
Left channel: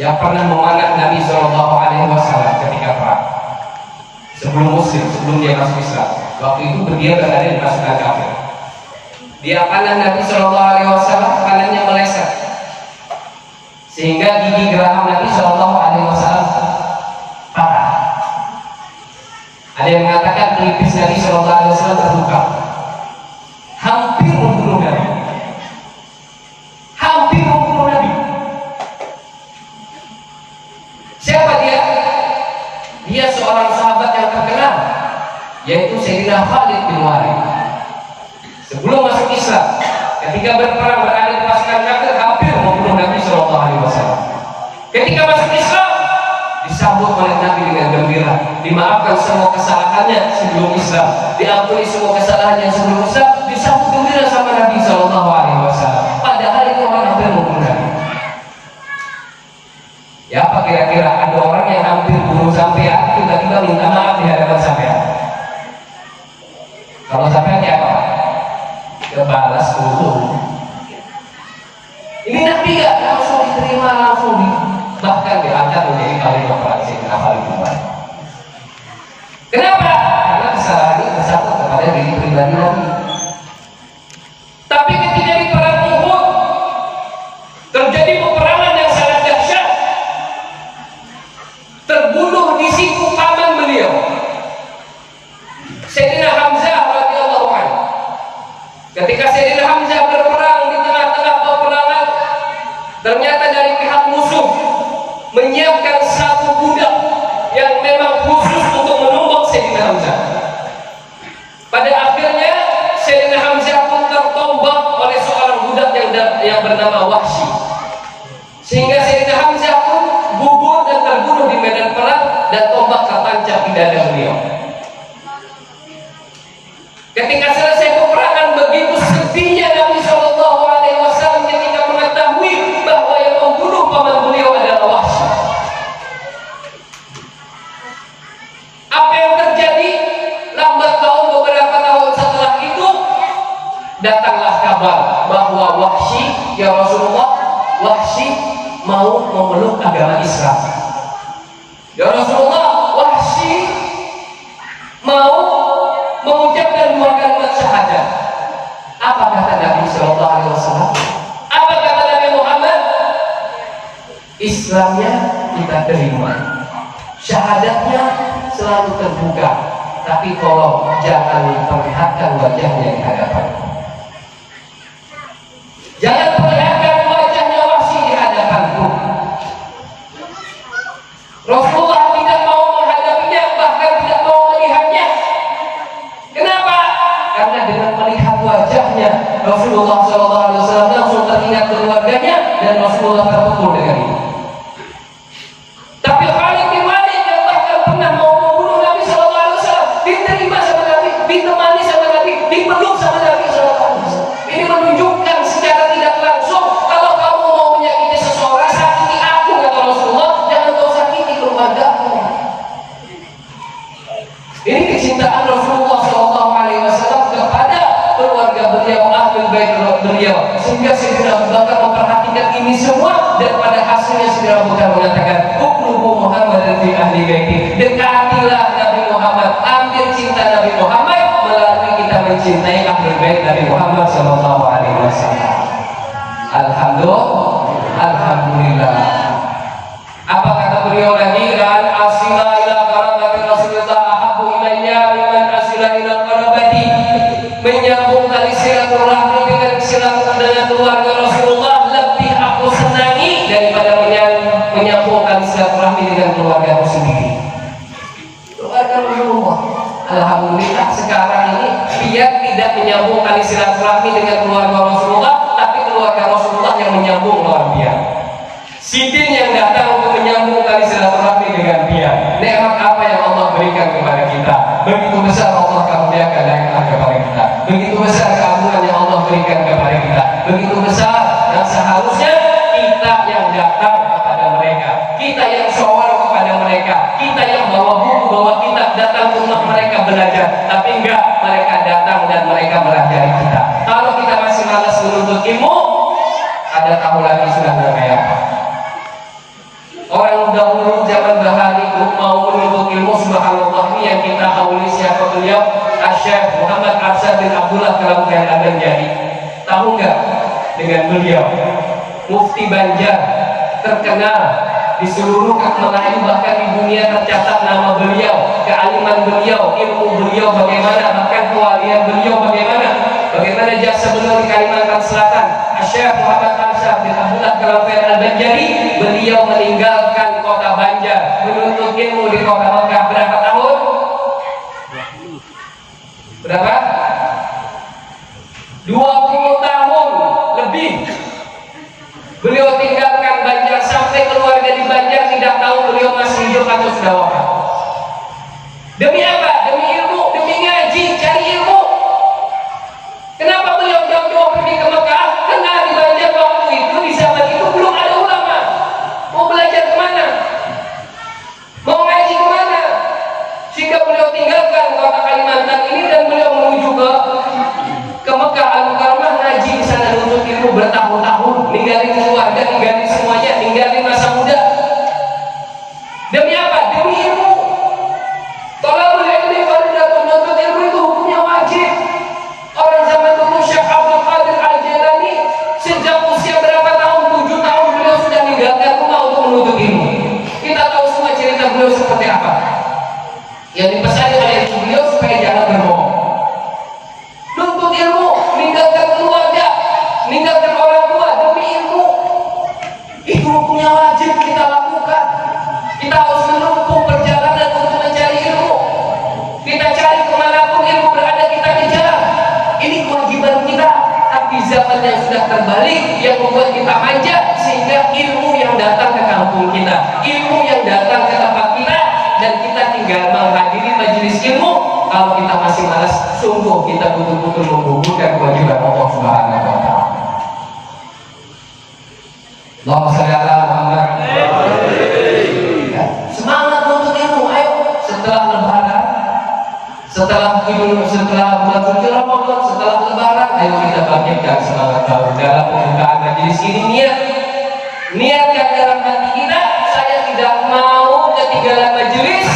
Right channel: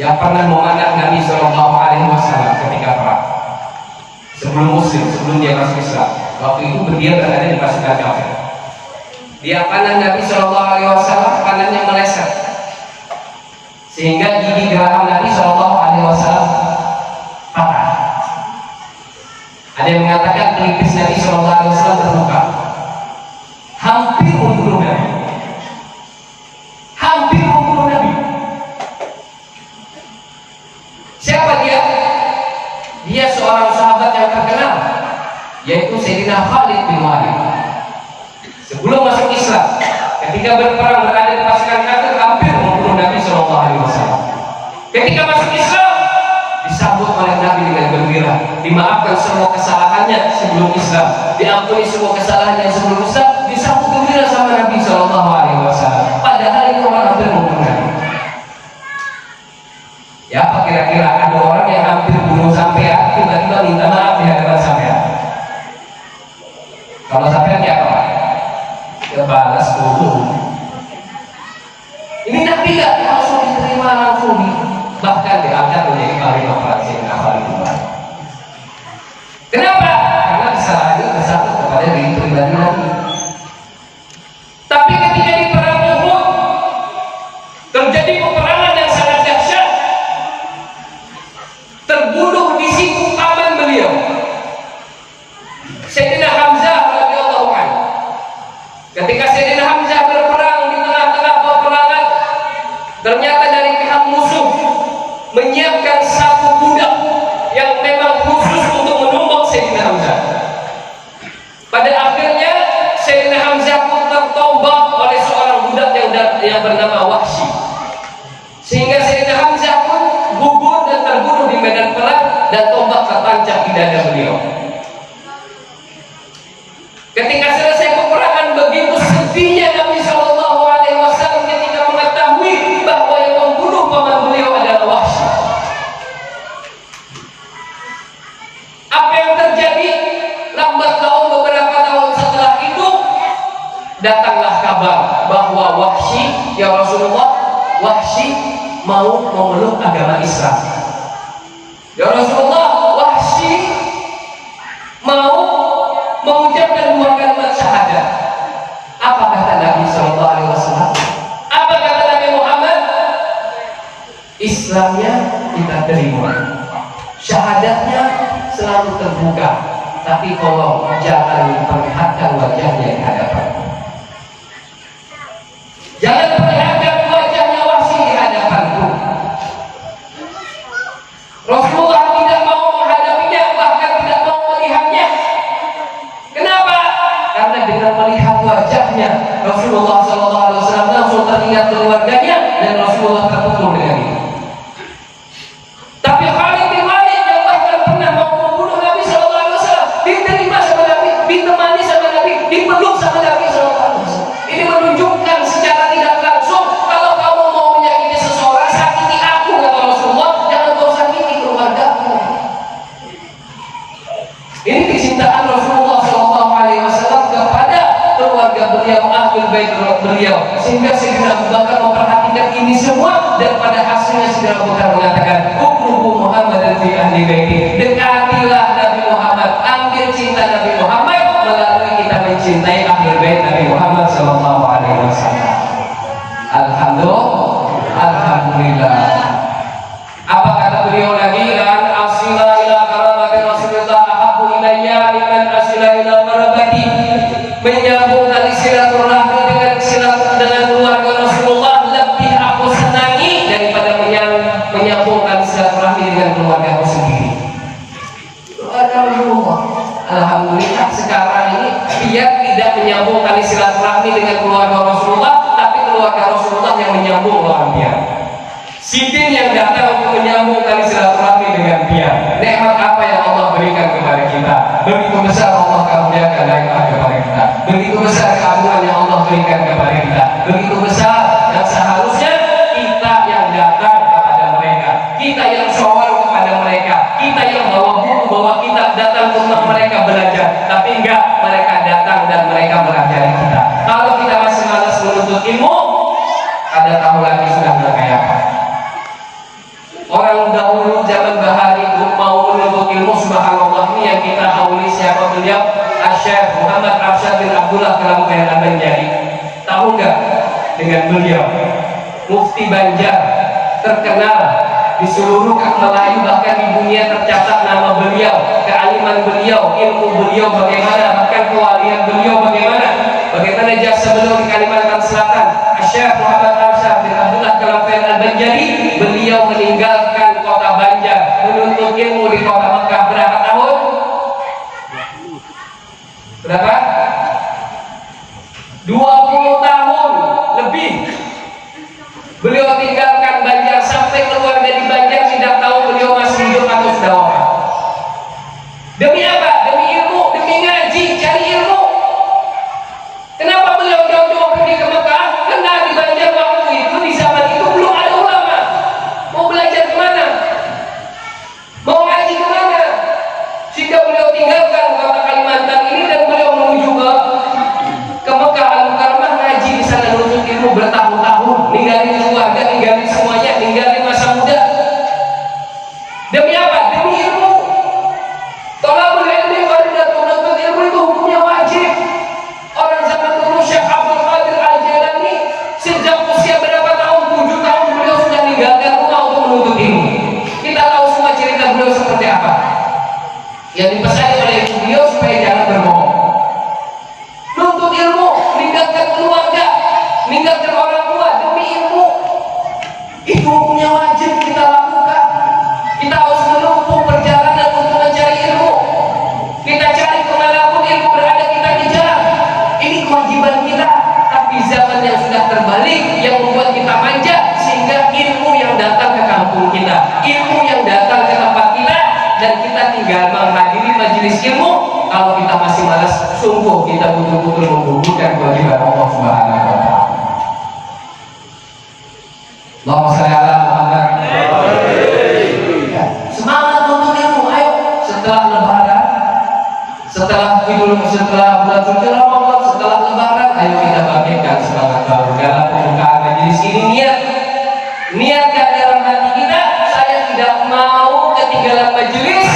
yang pernah memanah Nabi Shallallahu Alaihi Wasallam ketika perang. Sebelum Muslim, sebelum dia masuk Islam, waktu itu dia berada di pasukan kafir. Dia panah Nabi Shallallahu Alaihi Wasallam, panahnya meleset, sehingga gigi geraham Nabi Shallallahu Alaihi Wasallam patah. Ada yang mengatakan pelipis Nabi Shallallahu Alaihi Wasallam terbuka, hampir membunuh Nabi. Siapa dia? Dia seorang sahabat yang terkenal, yaitu Sayyidina Khalid bin Walid. Sebelum masuk Islam, ketika berperang berada di pasukan kafir, hampir membunuh Nabi Shallallahu Alaihi Wasallam. Ketika masuk Islam, disambut oleh Nabi dengan gembira, dimaafkan semua kesalahannya sebelum Islam, diampuni semua kesalahannya sebelum Islam, disambut gembira sama Nabi Shallallahu Alaihi Wasallam. Padahal ini orang hampir membunuh Nabi. Ya, apa kira-kira ada orang yang hampir bunuh sampean tiba-tiba minta maaf di hadapan sampean? Kalau sampean ya apa? Ya balas dulu. Ini Nabi gak langsung diterima, langsung bahkan diangkat menjadi khalifah Rasul Khalid bin Walid. Kenapa? Karena kesalahan ini bersatu kepada diri pribadi Nabi. Tapi ketika di perang Uhud terjadi peperangan yang sangat dahsyat, terbunuh di siku paman beliau, Sayyidina Hamzah radhiyallahu anhu. Ketika Sayyidina Hamzah berperang di tengah-tengah peperangan, ternyata dari pihak musuh menyiapkan satu budak yang memang khusus untuk menumbuk Sayyidina Hamzah. Pada akhirnya Sayyidina Hamzah pun tertombak oleh seorang budak yang bernama Wahsy, sehingga Sayyidina Hamzah pun gugur dan terbunuh di medan perang dan tombak tertancap di dada beliau. Ketika selesai peperangan, begitu sedihnya Nabi Shallallahu Alaihi Wasallam ketika mengetahui bahwa yang membunuh paman beliau adalah Wahsy. Apa yang terjadi? Lambat laun beberapa tahun setelah itu datanglah kabar bahwa Wahsy, ya Rasulullah, Wahsy mau memeluk agama Islam. Ya Rasulullah, Wahsy mau mengucapkan dua kalimat syahadat. Apa kata Nabi Shallallahu Alaihi Wasallam? Apa kata Nabi Muhammad? Islamnya kita terima, syahadatnya selalu terbuka, tapi tolong jangan perlihatkan wajahnya di hadapan. Jangan perlihatkan wajahnya Wahsy di hadapanku. Rasulullah tidak mau menghadapinya, bahkan tidak mau melihatnya. Kenapa? Karena dengan melihat wajahnya Rasulullah SAW langsung teringat keluarganya dan Rasulullah terpukul dengan itu. Tapi Khalid bin Walid yang bahkan pernah mau membunuh Nabi SAW diterima sama Nabi, ditemani sama Nabi, dipeluk sama Nabi SAW. Ini menunjukkan secara tidak langsung kalau kamu beliau, sehingga Sayyidina Abu Bakar memperhatikan ini semua, dan pada hasilnya Sayyidina Abu Bakar mengatakan, "Uqrubu Muhammadan fi ahli baiti." Dekatilah Nabi Muhammad, ambil cinta Nabi Muhammad melalui kita mencintai ahli bait Nabi Muhammad sallallahu alaihi wasallam. Alhamdulillah. Apa kata beliau lagi? An asila ila qarabati Rasulillah ahabbu ilayya mimman asila ila qarabati. Menyambung tali silaturahmi dengan keluarga Rasulullah lebih aku senangi daripada menyambung tali silaturahmi dengan keluarga aku sendiri. Keluarga Rasulullah. Alhamdulillah sekarang ini biar tidak menyambung tali silaturahmi dengan keluarga Rasulullah, tapi keluarga Rasulullah yang menyambung lawan dia. Sidin yang datang untuk menyambung tali silaturahmi dengan dia. Nikmat apa yang Allah berikan kepada kita? Begitu besar Allah karuniakan nikmat kepada kita. Begitu besar keagungan yang Allah berikan kepada kita. Begitu besar yang seharusnya kita yang datang kepada mereka, kita yang sowan kepada mereka, kita yang bawa buku, bawa kitab, datang ke rumah mereka belajar. Tapi enggak, mereka datang dan mereka melajari kita. Kalau kita masih malas menuntut ilmu, ada tahu lagi sudah berkaya. Orang dahulu zaman bahari itu mau menuntut ilmu, subhanallah, ini yang kita hauli siapa beliau? Asy-Syaikh Muhammad Arsyad bin Abdullah Kalamkain Al-Banjari. Tahu nggak dengan beliau? Mufti Banjar terkenal di seluruh Melayu, bahkan di dunia tercatat nama beliau, kealiman beliau, ilmu beliau bagaimana, bahkan kewalian beliau bagaimana jasa beliau di Kalimantan Selatan. Asy-Syaikh Muhammad Arsyad bin Abdullah Kalamkain Al-Banjari, beliau meninggalkan kota Banjar menuntut ilmu di kota Makkah berapa tahun? Berapa? 20 tahun lebih. Beliau tinggalkan Banjar sampai keluarga di Banjar tidak tahu beliau masih hidup atau sudah wafat. Demi apa? Demi ilmu, demi ngaji, cari ilmu. Kenapa beliau jauh-jauh pergi ke Mekah? Karena di Banjar waktu itu, di zaman itu belum ada ulama. Mau belajar kemana? Mau ngaji kemana? Sehingga beliau tinggalkan kota Kalimantan ini dan beliau menuju ke Mekah Al-Mukarramah, ngaji di sana, nuntut ilmu bertahun-tahun, ninggalin keluarga, ninggalin semuanya, ninggalin masa muda. Demi apa? Demi ilmu. Thalabul ilmi fardhatun, nuntut ilmu itu hukumnya wajib. Orang zaman dulu Syekh Abdul Qadir Al-Jailani sejak usia berapa tahun? 7 tahun beliau sudah meninggalkan rumah untuk menuntut ilmu. Kita tahu semua cerita beliau seperti apa. Yang dipesani oleh ibu beliau supaya jangan berbohong. Nuntut ilmu, meninggalkan keluarga, meninggalkan orang tua demi ilmu. Itu hukumnya wajib kita lakukan. Kita harus menempuh perjalanan untuk mencari ilmu. Kita cari kemanapun ilmu berada, kita kejar. Ini kewajiban kita. Tapi zaman yang sudah terbalik yang membuat kita manja, sehingga ilmu yang datang ke kampung kita, ilmu yang datang ke tempat kita, dan kita tinggal menghadiri majelis ilmu. Kalau kita masih malas, sungguh kita betul-betul menggugurkan kewajiban Allah Subhanahu wa Ta'ala. Allahumma shalli ala Muhammad. Semangat untuk ilmu, ayo. Setelah lebaran, setelah bulan suci Ramadan, setelah lebaran, ayo kita bangkitkan semangat baru dalam pembukaan majelis ini. Niatkan dalam hati kita, saya tidak mau ketinggalan majelis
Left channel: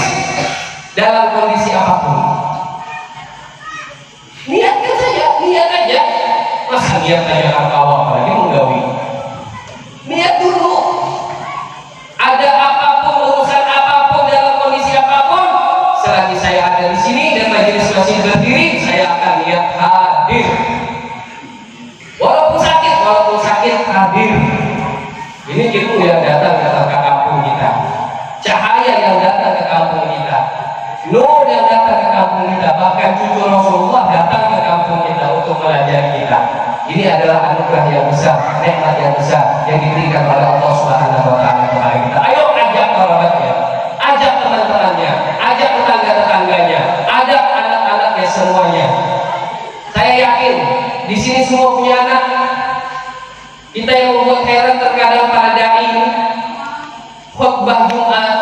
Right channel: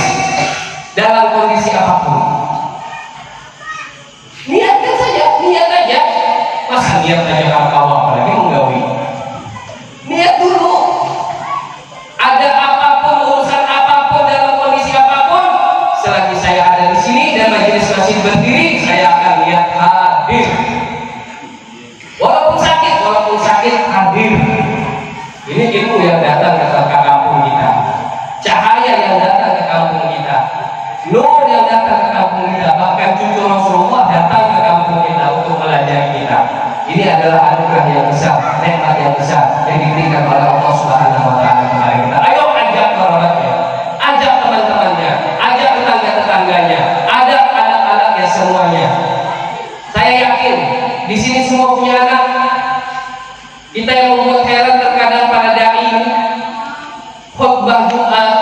dalam kondisi apapun. Niatkan saja, niat aja. Masa niat aja kawal, apalagi menggawi. Niat dulu. Ada apapun, urusan apapun, dalam kondisi apapun, selagi saya ada di sini dan majelis masih berdiri, saya akan niat hadir. Walaupun sakit hadir. Ini ilmu yang datang ke kampung kita, cahaya yang datang ke kampung kita, nur yang datang ke kampung kita. Bahkan cucu Rasulullah datang ke kampung kita untuk melajari kita. Ini adalah anugerah yang besar, nikmat yang besar yang diberikan oleh Allah Subhanahu wa Ta'ala kepada kita. Ayo ajak kerabatnya, ajak teman-temannya, ajak tetangga-tetangganya, ajak anak-anaknya semuanya. Saya yakin di sini semua punya anak. Kita yang membuat heran terkadang para dai ini khutbah Jumat,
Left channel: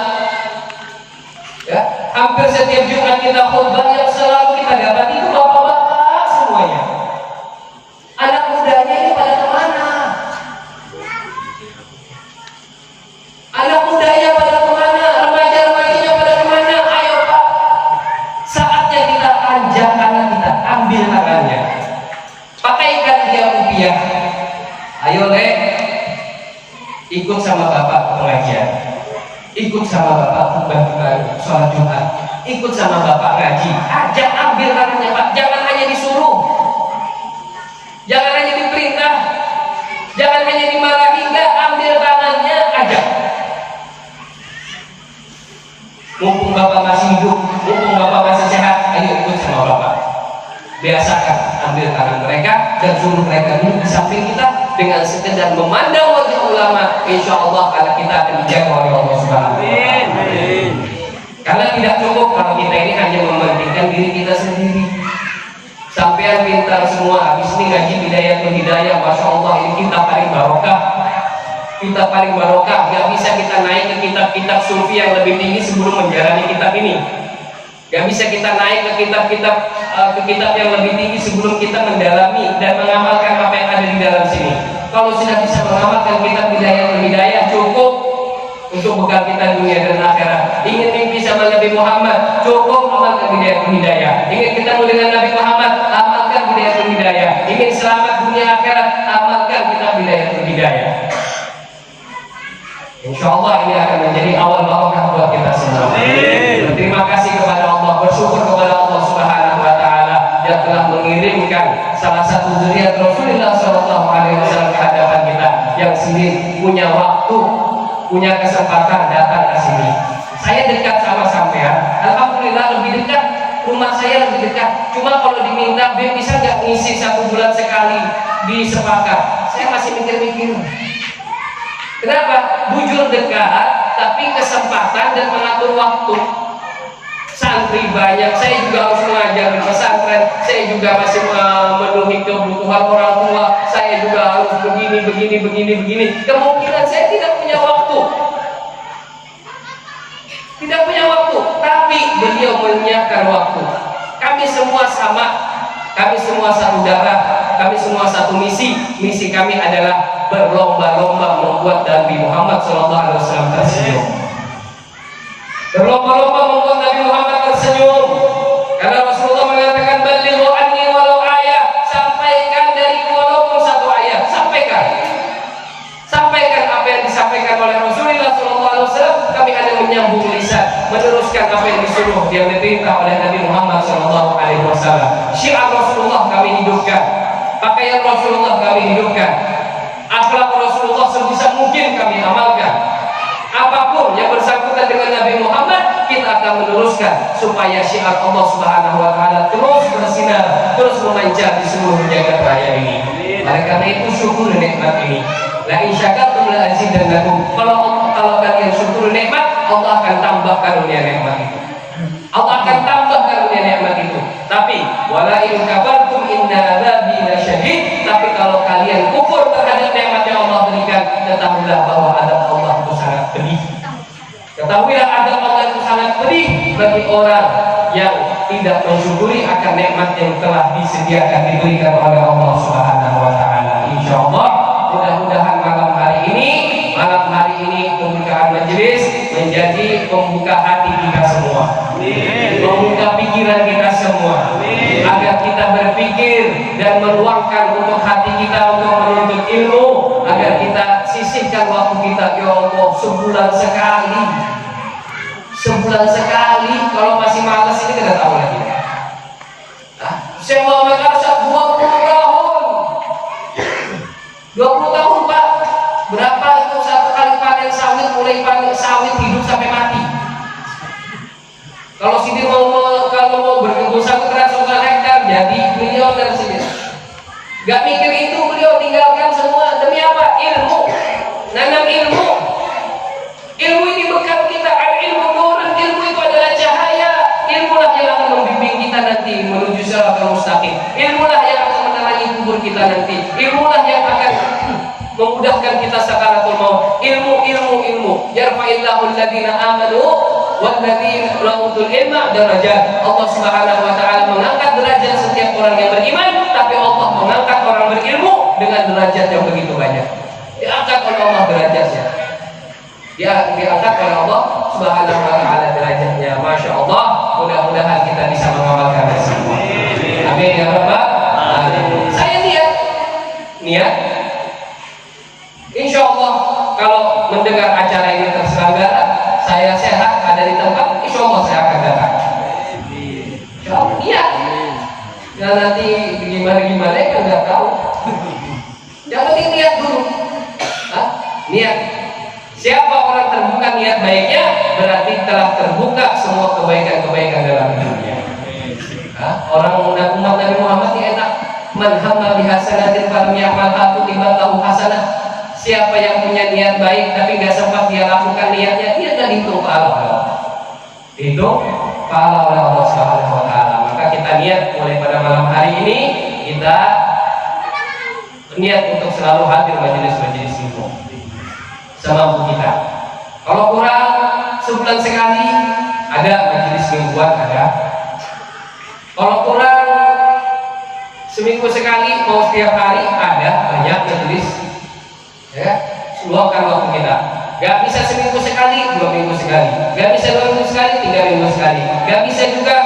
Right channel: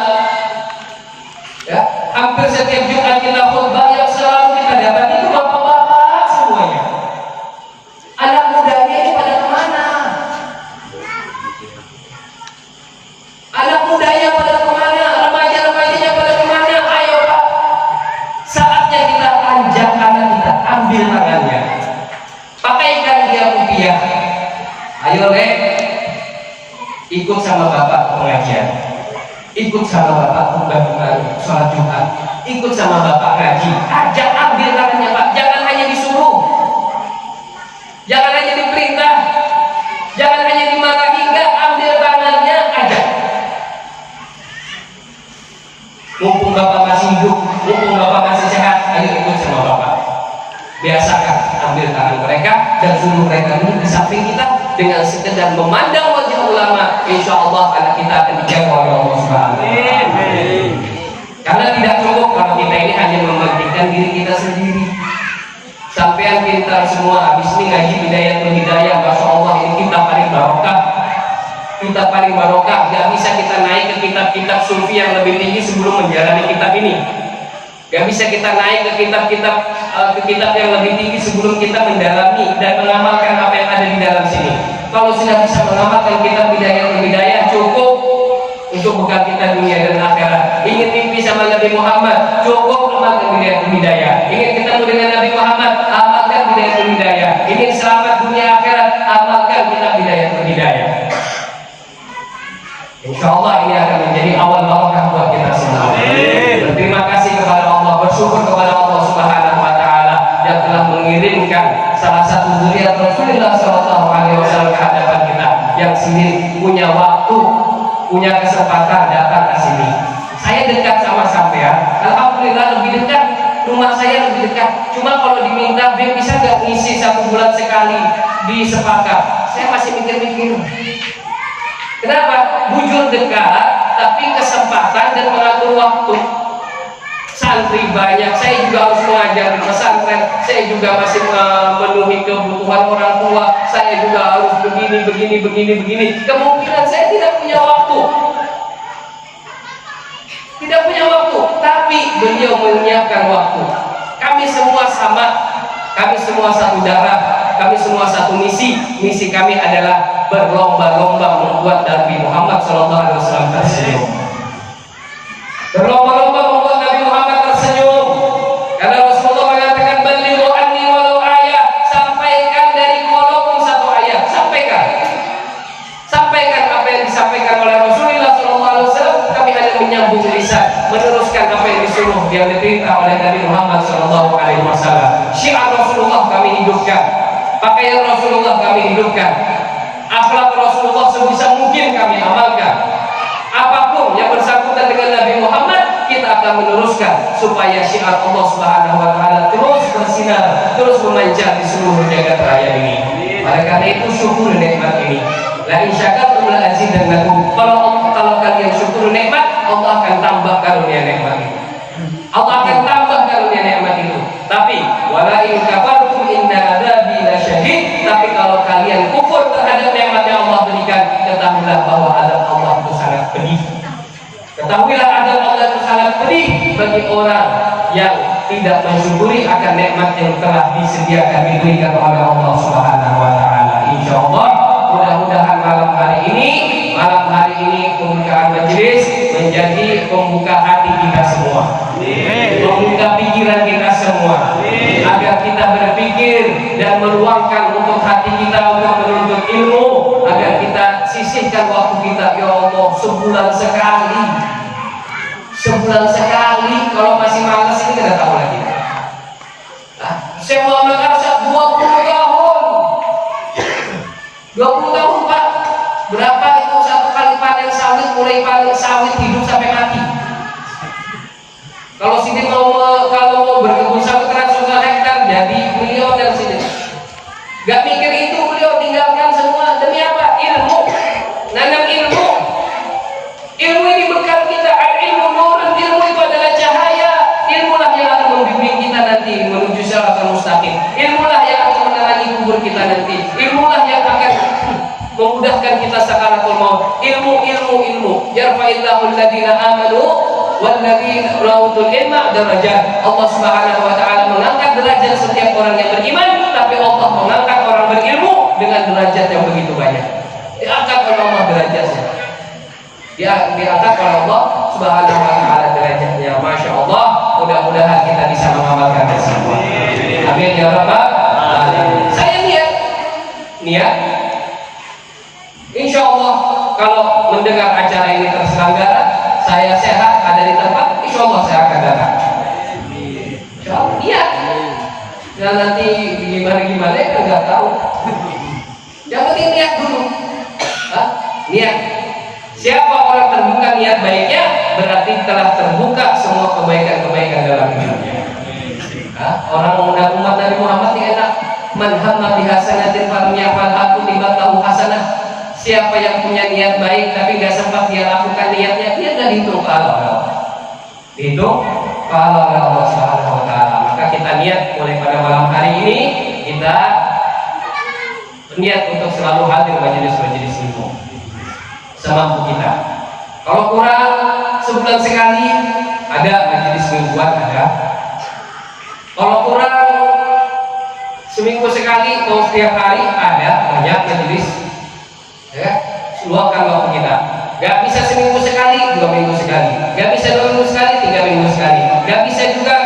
ya, hampir setiap Jumat kita khutbah, yang selalu kita dapat itu bapak-bapak semuanya. Anak muda ikut sama bapak ke pengajian, ikut sama bapak khutbah sholat Jumat, ikut sama bapak ngaji. Ajak, ambil tangannya Pak, jangan hanya disuruh, jangan hanya diperintah, jangan hanya dimarahi, enggak, ambil tangannya, ajak. Mumpung bapak masih hidup, mumpung bapak masih sehat, ayo ikut sama bapak. Biasakan ambil tangan mereka dan suruh mereka duduk di samping kita. Dengan sekedar memandang wajah ulama, insya Allah anak kita akan dijaga oleh Allah Subhanahu wa Ta'ala. Karena tidak cukup kalau kita ini hanya mementingkan diri kita sendiri. Sampean pintar semua, habis ini ngaji hidayah, masya Allah, ini kita paling barokah. Kita paling barokah. Gak bisa kita naik ke kitab-kitab sufi yang lebih tinggi sebelum menjalani kitab ini. Gak bisa kita naik ke kitab yang lebih tinggi sebelum kita mendalami dan mengamalkan apa yang ada di dalam sini. Kalau sudah bisa mengamalkan kitab hidayah cukup untuk bekal kita dunia dan akhirat. Ingin mimpi sama Nabi Muhammad, cukup amalkan hidayah. Ingin ketemu dengan Nabi Muhammad, amalkan hidayah. Ingin selamat dunia akhirat, amalkan kitab hidayah. Insya Allah ini akan menjadi awal barokah buat kita semua. Berterima kasih kepada Allah, bersyukur kepada Allah Subhanahu wa Ta'ala yang telah mengirimkan salah satu zuriat Rasulullah SAW ke hadapan kita, yang sendiri punya waktu, punya kesempatan datang ke sini. Saya dekat sama sampean, alhamdulillah lebih dekat, rumah saya lebih dekat. Cuma kalau diminta, Beb bisa nggak ngisi 1 bulan sekali di Sepakat? Saya masih mikir-mikir. Kenapa? Bujur dekat, tapi kesempatan dan mengatur waktu. Santri banyak, saya juga harus mengajar di pesantren, saya juga masih memenuhi kebutuhan orang tua, saya juga harus begini. Kemungkinan saya tidak punya waktu. Tidak punya waktu, tapi beliau menyiapkan waktu. Kami semua sama, kami semua satu darah, kami semua satu misi. Misi kami adalah berlomba-lomba membuat Nabi Muhammad SAW tersenyum. Berlomba-lomba membuat Nabi Muhammad tersenyum. Karena Rasulullah mengatakan, "Balighu anni walau ayah." Sampaikan dari walaupun 1 ayat. Sampaikan apa yang disampaikan oleh Rasulullah SAW. Kami hanya menyambung lisan, meneruskan apa yang disuruh, yang diperintah oleh Nabi Muhammad SAW. Syiar Rasulullah kami hidupkan, pakaian Rasulullah kami hidupkan, akhlak Rasulullah sebisa mungkin kami amalkan. Apapun yang bersangkutan dengan Nabi Muhammad, kita akan meneruskan supaya syiar Allah Subhanahu wa Ta'ala terus bersinar, terus memancar di seluruh jagat raya ini. Oleh karena itu, syukur nikmat ini. La in syakartum la azidannakum. Kalau kalian syukur nikmat, Allah akan tambah karunia nikmat itu. Allah akan tambah karunia nikmat itu. Tapi wala in kafartum inna adzabi lasyadid. Tapi kalau kalian kufur terhadap nikmat yang Allah berikan, ketahuilah bahwa azab Allah itu sangat pedih. Ketahuilah azab Allah itu sangat pedih bagi orang yang tidak mensyukuri akan nikmat yang telah disediakan, diberikan oleh Allah Subhanahu wa Ta'ala. Insyaallah, mudah-mudahan malam hari ini pembukaan majelis menjadi pembuka hati kita semua, membuka pikiran kita semua, agar kita berpikir dan meluangkan untuk hati kita untuk menuntut ilmu, agar kita sisihkan waktu kita. Ya Allah, sebulan sekali, kalau masih malas ini kita tahu lagi. Saya mau Arsyad 20 tahun Pak. Berapa itu 1 kali panen sawit, mulai panen sawit hidup sampai mati. Kalau sini kalau mau berkebun sawit 100 hektar, jadi miliuner sini. Gak mikir itu, beliau tinggalkan semua demi apa? Ilmu, nanam ilmu. Ilmu ini bekal kita. Ilmu nurun, ilmu itu adalah cahaya. Ilmulah yang akan membimbing kita nanti menuju siratal mustaqim. Ilmulah yang akan menerangi kubur kita nanti. Ilmulah yang akan memudahkan kita sakaratul maut. Ilmu. Yarfa'illahu alladhina amanu walladzina utul ilma darajat. Allah Subhanahu wa Ta'ala mengangkat derajat setiap orang yang beriman, tapi Allah mengangkat orang berilmu dengan derajat yang begitu banyak. Diangkat oleh Allah derajatnya. Diangkat oleh Allah Subhanahu wa Ta'ala derajatnya. Masya Allah, mudah-mudahan kita bisa mengamalkan semua. Amin ya rabbal alamin. Saya niat Insya Allah kalau mendengar acara ini terselenggara, saya sehat ada di tempat, insya Allah saya akan datang. Insya Allah, iya. Ya nanti gimana kan nggak tahu. Yang penting niat dulu. Hah? Niat. Siapa orang terbuka niat baiknya, berarti telah terbuka semua kebaikan-kebaikan dalam hidupnya. Orang umat Nabi Muhammad ini enak. Man hamma bi hasanatin falam ya'malha kutibat lahu hasanah. Siapa yang punya niat baik tapi nggak sempat dia lakukan niatnya, dia nggak dihitung pahala oleh Allah. Dihitung pahala oleh Allah Subhanahu wa taala. Maka kita niat mulai pada malam hari ini, kita niat untuk selalu hadir majelis-majelis itu semampu kita. Kalau kurang sebulan sekali ada majelis mingguan ada. Kalau kurang seminggu sekali mau setiap hari ada banyak majelis. Ya, luangkan waktu kita. Gak bisa seminggu sekali, 2 minggu sekali. Gak bisa 2 minggu sekali, 3 minggu sekali. Gak bisa juga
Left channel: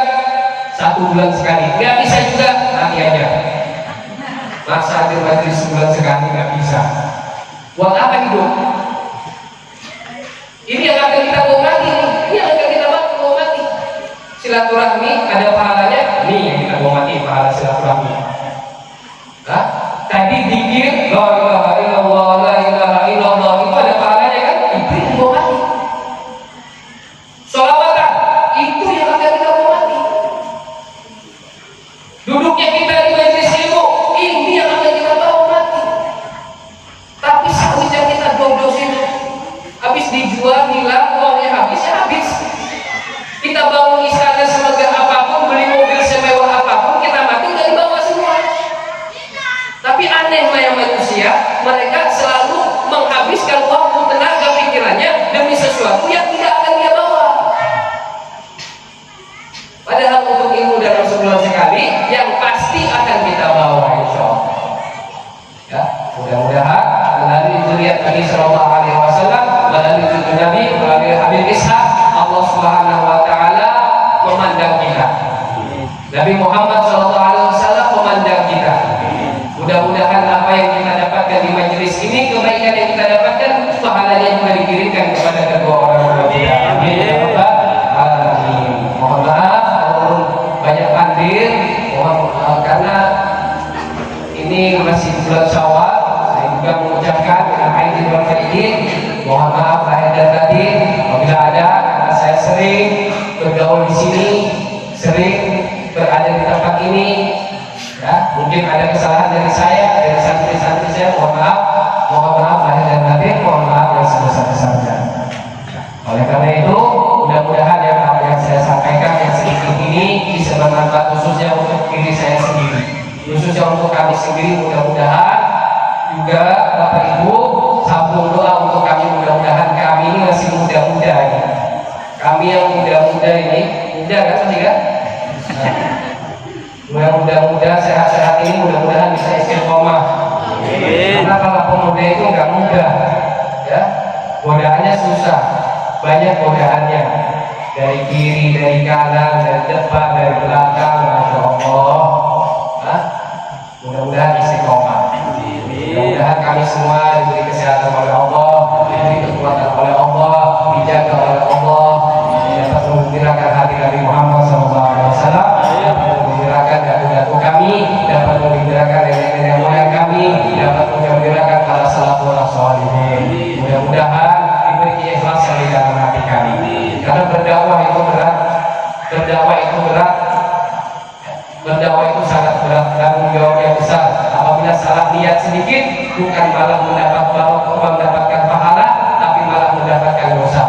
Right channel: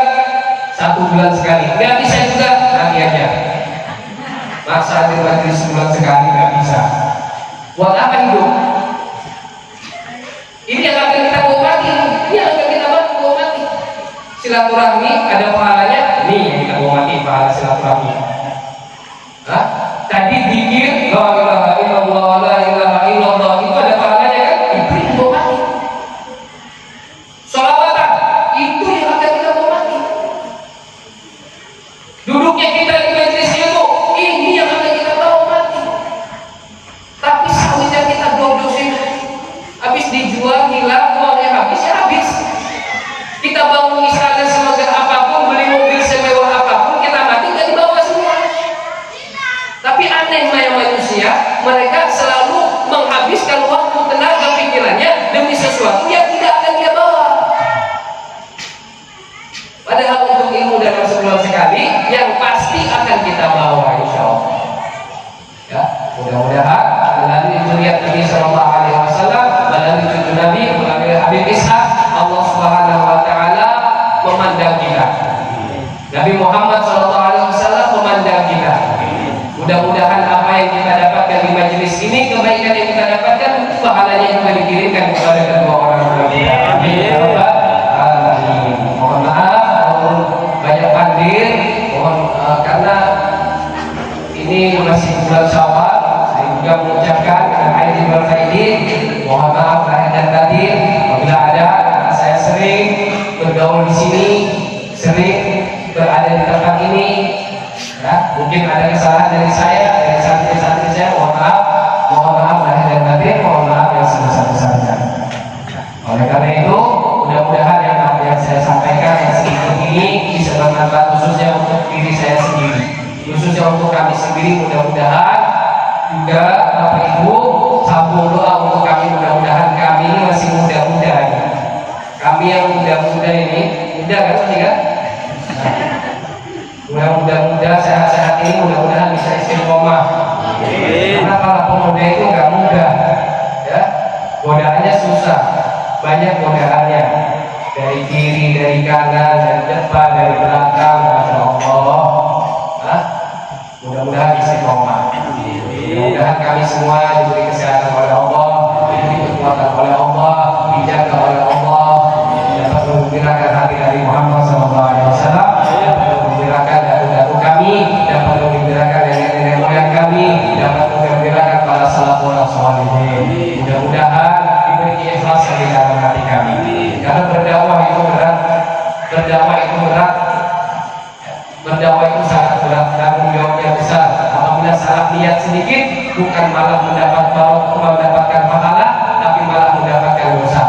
1 bulan sekali. Gak bisa juga nanti aja. Masa hadir majelis sebulan sekali gak bisa. Buat apa hidup? Ini yang akan kita bawa mati. Ini yang akan kita bawa mati. Silaturahmi ada pahalanya. Ini yang kita bawa mati, pahala silaturahmi. Hah? Tadi zikir la ilaha illallah la ilaha illallah itu ada pahalanya kan? Itu yang bawa mati. Sholawatan itu yang akan kita bawa mati. Duduknya kita di majelis ilmu ini yang akan kita bawa mati. Tapi sawit yang kita dodosin habis dijual hilang, uangnya habis ya habis. Kita bangun istana semegah apapun, beli mobil semewah apapun, kita mati nggak dibawa semua. Tapi anehnya manusia, mereka selalu menghabiskan waktu, tenaga, pikirannya demi sesuatu yang tidak akan dia bawa. Padahal untuk ilmu dalam sebulan sekali yang pasti akan kita bawa, insya Allah. Ya, mudah-mudahan melalui zuriat Nabi Sallallahu Alaihi Wasallam, melalui cucu Nabi, melalui Habib Ishaq, Allah Subhanahu Wa Taala memandang kita. Nabi Muhammad Sallallahu Alaihi Wasallam memandang kita. Mudah-mudahan apa yang kita dapatkan di majelis ini, kebaikan yang kita dapatkan, pahalanya juga dikirimkan kepada kedua orang tua kita. Amin ya rabbal alamin. Mohon maaf walaupun banyak hadir, karena ini masih bulan Syawal. Saya juga mengucapkan dengan aidin wal faidin, mohon maaf lahir dan batin apabila ada, karena saya sering bergaul di sini, sering berada di tempat ini. Ya, mungkin ada kesalahan dari saya, dari santri-santri saya, mohon maaf lahir dan batin, mohon maaf yang sebesar-besarnya. Oleh karena itu, mudah-mudahan yang saya sampaikan yang sedikit ini bisa bermanfaat khususnya untuk diri saya sendiri, khususnya untuk kami sendiri. Mudah-mudahan juga Bapak Ibu sambung doa untuk kami, mudah-mudahan kami ini masih muda-muda ini. Kami yang muda-muda ini, muda kan masih kan? Yang muda-muda sehat-sehat ini mudah-mudahan bisa istiqomah. Karena kalau pemuda itu nggak mudah, ya, godaannya susah, banyak godaannya dari kiri, dari kanan, dari depan, dari belakang, masya Allah. Mudah-mudahan istiqomah. Mudah-mudahan kami semua diberi kesehatan oleh Allah, diberi kekuatan oleh Allah, dijaga oleh Allah, dapat mengembirakan hati dari Muhammad SAW. Mengembirakan datu-datu kami, dapat mengembirakan nenek-nenek moyang kami, dapat mengembirakan para salafun sholihin. Mudah-mudahan diberi keikhlasan di dalam hati kami. Karena berdakwah itu berat, berdakwah itu sangat berat, tanggung jawab yang besar. Apabila salah niat sedikit, bukan malah mendapatkan pahala, tapi malah mendapatkan dosa.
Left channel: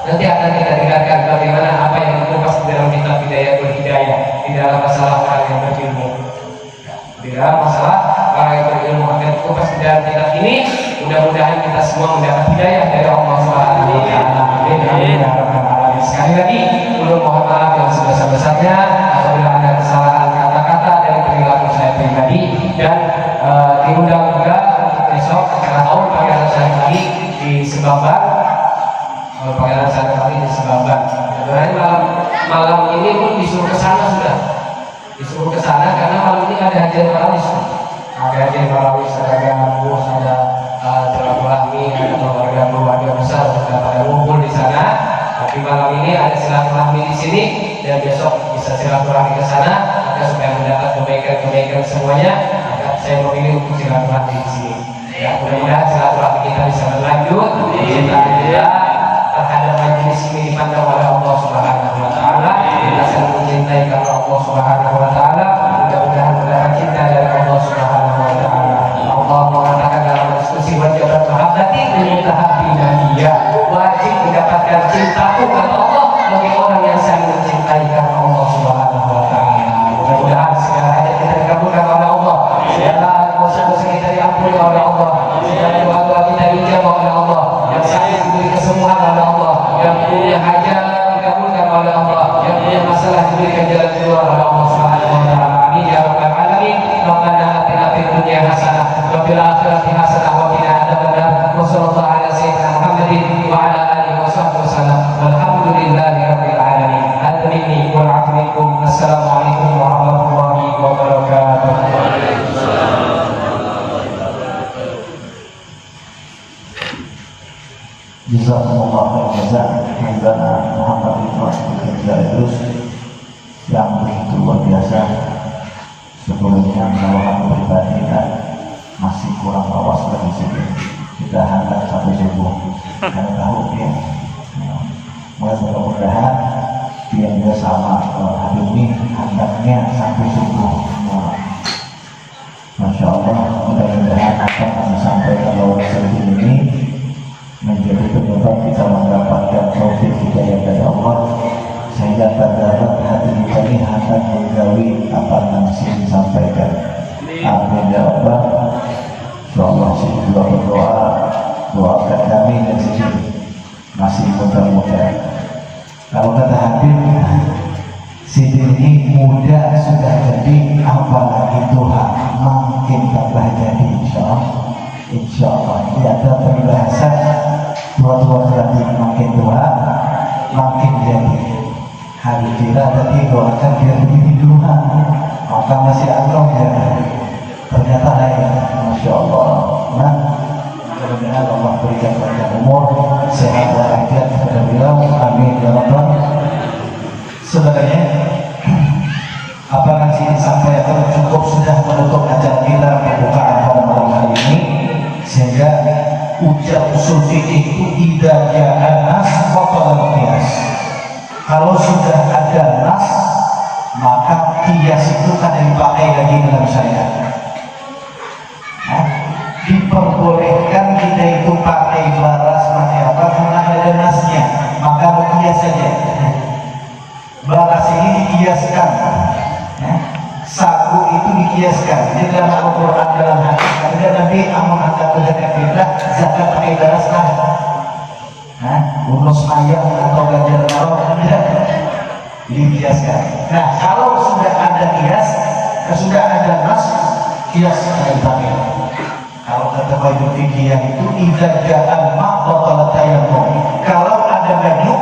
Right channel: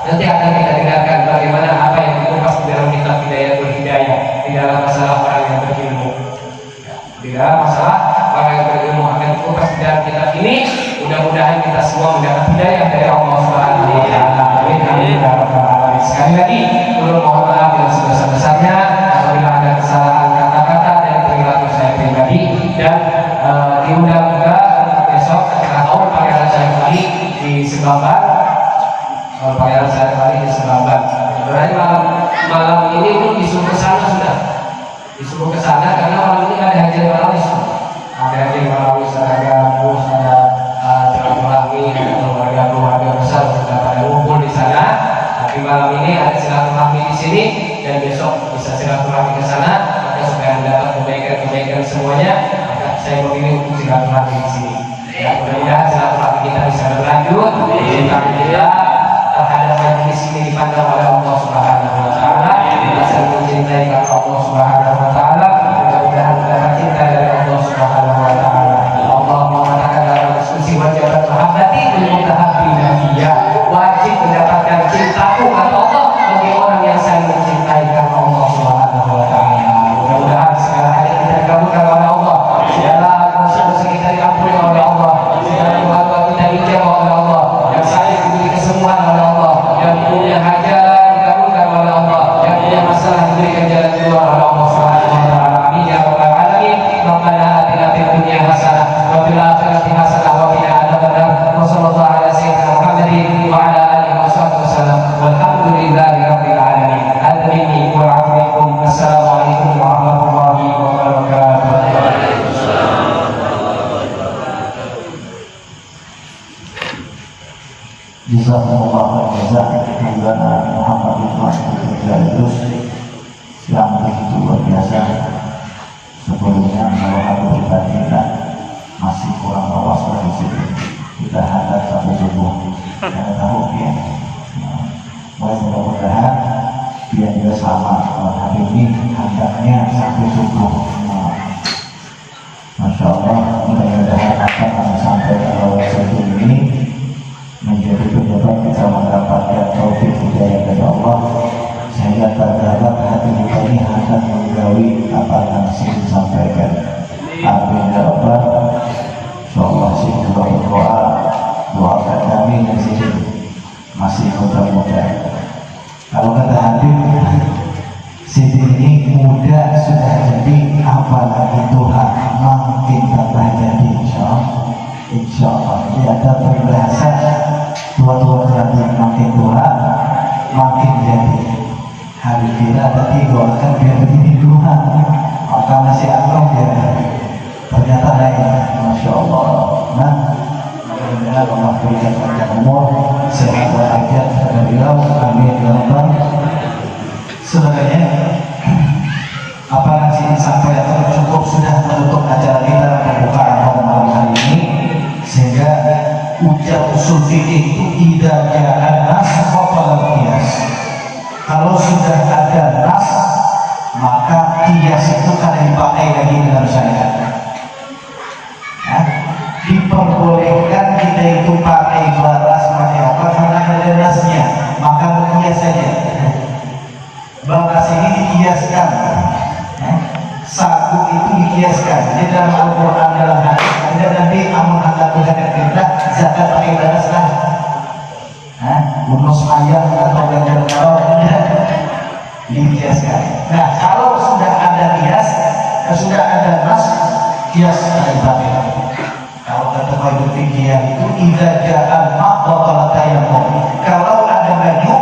Nanti akan kita dengarkan bagaimana apa yang dikupas di dalam kitab Hidayatul Hidayah, di dalam masalah orang yang berilmu. Di dalam masalah orang yang berilmu akan dikupas di dalam kitab ini. Mudah-mudahan kita semua mendapat hidayah dari Allah Subhanahu wa taala. Amin amin ya rabbal alamin. Sekali lagi, ulun mohon maaf yang sebesar-besarnya apabila ada kesalahan kata-kata dan perilaku saya pribadi, dan diundang juga untuk besok acara tahun Pangeran Syarif Ali di Sebamban. Pangeran Syarif Ali di Sebamban. Sebenarnya malam ini pun disuruh ke sana sudah. Disuruh ke sana karena malam ini ada hajian marawis. Ada hajian marawis, ada gabus, ada silaturahmi, lanjut kita terhadap majelis ini dipandang oleh Allah Subhanahu wa taala, kita saling mencintai karena Allah Subhanahu wa taala. Mudah-mudahan mendapat cinta dari Allah Subhanahu wa taala. Allah mengatakan dalam diskusi wajib mahabbati lil mutahabbina fiyya, wajib mendapatkan cintaku kata Allah bagi orang yang saling mencintai karena Allah Subhanahu wa taala. Mudah-mudahan segala hajat kita dikabulkan oleh Allah, segala dosa-dosa kita diampuni oleh Allah, segala doa-doa kita dijawab oleh Allah, yang sakit diberi kesembuhan oleh Allah, yang punya hajat dikabulkan oleh Allah, yang punya masalah diberikan jalan keluar oleh Allah Subhanahu wa taala. Amin ya rabbal alamin. Rabbana atina fid dunya hasanah wa fil akhirati hasanah wa qina adzabannar. Wa sallallahu ala sayyidina Muhammadin wa ala alihi wa sahbihi wasallam. Walhamdulillahi rabbil alamin. Hadza minni wa a'tuikum. Assalamualaikum warahmatullahi wabarakatuh. Jazakumullah khairan Maulana Muhammad Idrus yang begitu luar biasa. Sebelumnya kalau aku pribadi masih kurang awas dari sini, tidak ada sampai subuh. Saya tahu ya, mudah-mudahan dia juga sama hari ini hendaknya sampai subuh. Masya Allah, mudah-mudahan apa yang kami sampaikan dalam sesi ini menjadi penyebab kita mendapatkan taufik hidayah dari Allah, sehingga terdapat hati kita ini akan menggawi apa yang saya sampaikan. Amin ya Allah. Insyaallah sih kita berdoa, doakan kami dan sini masih muda-muda. Kalau kata Habib, Siti ini muda sudah jadi, apalagi Tuhan makin tambah jadi. Insyaallah ini ada peribahasa tua-tua berarti makin tua makin jadi. Habib kita tadi doakan biar begini Tuhan, maka nasi Allah dia ternyata lain. Masya Allah. Nah, mudah-mudahan Allah berikan kepada umur sehat walafiat kepada beliau. Amin ya rabbal. Sebenarnya apa yang saya sampaikan cukup sudah menutup acara kita pembukaan pada malam hari ini, sehingga ujar usul fikih itu idza jaa nas faqal qiyas. Kalau sudah ada nas, maka qiyas itu kan dipakai lagi dalam syariat. Diperbolehkan kita itu pakai baras pakai apa karena ada nasnya, maka berkias saja. Baras ini dikiaskan, sagu itu dikiaskan. Di dalam Al-Quran dalam hadis ada Nabi amun ada Tuhan yang zakat pakai baras lah, bonus ayam atau ganjar tidak dikiaskan. Nah kalau sudah ada kias, sudah ada nas, kias akan dipakai. Kalau kata Bayu Fikih itu idza jaa maqbatal tayammum. Kalau ada baju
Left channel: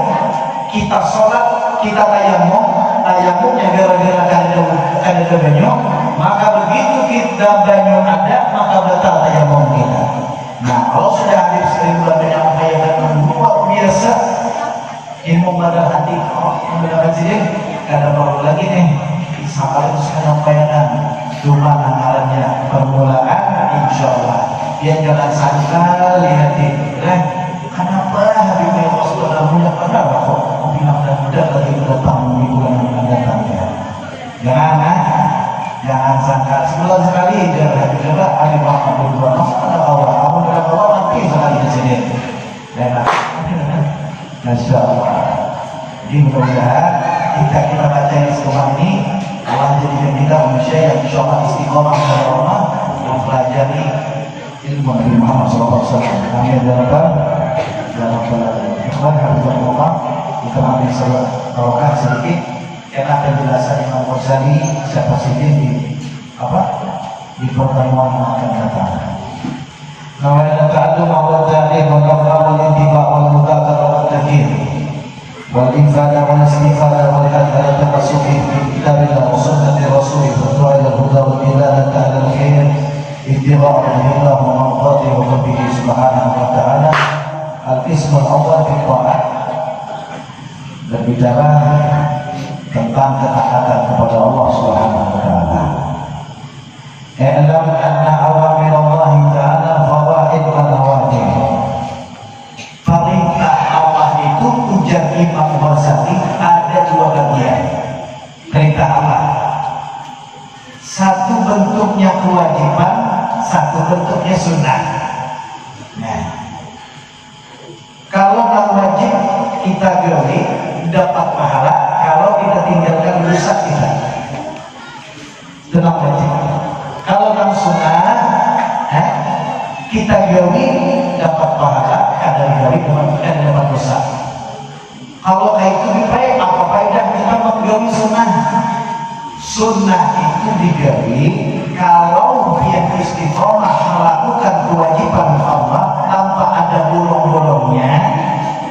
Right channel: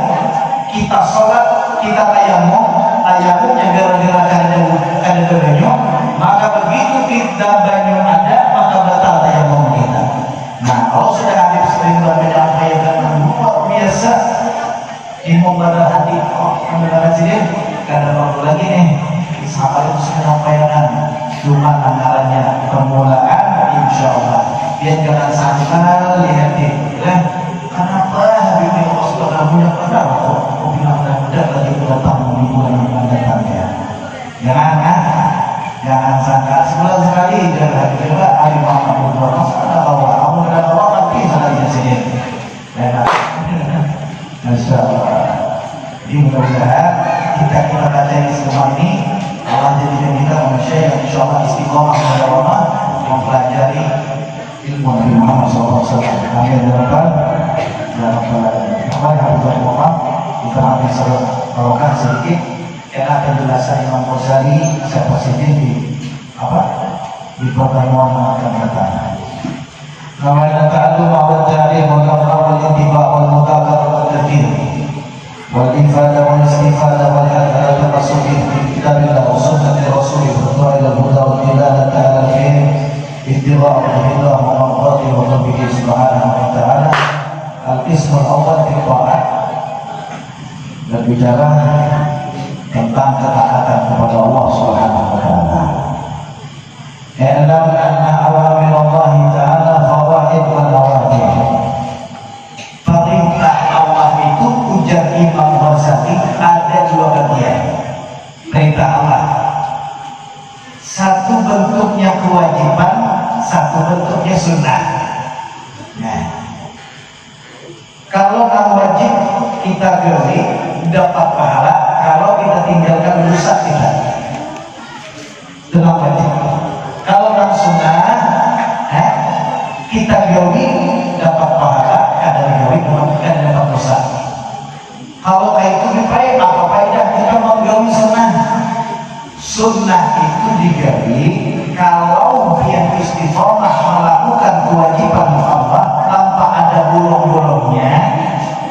kita sholat kita tayammumnya gara-gara ada baju, maka begitu kita banyu ada maka batal tayammum kita. Nah kalau sudah Habib sering menyampaikan luar biasa ilmu badal hati, mendengar sini kadang perlu lagi nih sabar itu menyampaikan cuma anggarannya permulaan. Insya Allah biar jangan sangkal lihatin kenapa Habib Allah sudah punya pada kok bilang mudah lagi datang di bulan yang datang ya. Jangan sangkal sebulan sekali jangan coba Habib Muhammad berdua masalah awal kamu tidak awal nanti sekali di sini. Insya Allah. Jadi mudah-mudahan kita baca ini semua ini Allah jadikan kita manusia yang insya Allah istiqomah kepada Allah, mempelajari ilmu Nabi Muhammad SAW. Amin ya rabbal alamin. Kemarin Habib Muhammad bukan Habib Barokah sedikit karena penjelasan Imam Ghazali siapa sih di pertemuan yang akan datang. Namanya ta'allum wa ta'lim wa tafawul intiba wal mudakar wal tadhkir wal ifadah wal istifadah wal hadha tamassuki fi kitabillah wa sunnati rasulih wa ila huda wa dilalata ala al-khair ittiba' al-hidayah wa maqati wa rabbihi subhanahu wa ta'ala. Al-qism al-awwal fi ta'at, berbicara tentang ketaatan kepada Allah subhanahu wa ta'ala. I'lam anna awamir Allah ta'ala fawaid wa nawafil. Kalau nang wajib kita gawe dapat pahala, kalau kita tinggalkan rusak kita. Dengan wajib. Kalau nang sunnah kita gawe dapat pahala, kadang gawe kadang dapat dosa. Kalau kayak itu baik, apa faedah kita menggawe sunnah? Sunnah itu digawe kalau biar istiqomah melakukan kewajiban Allah tanpa ada bolong-bolongnya.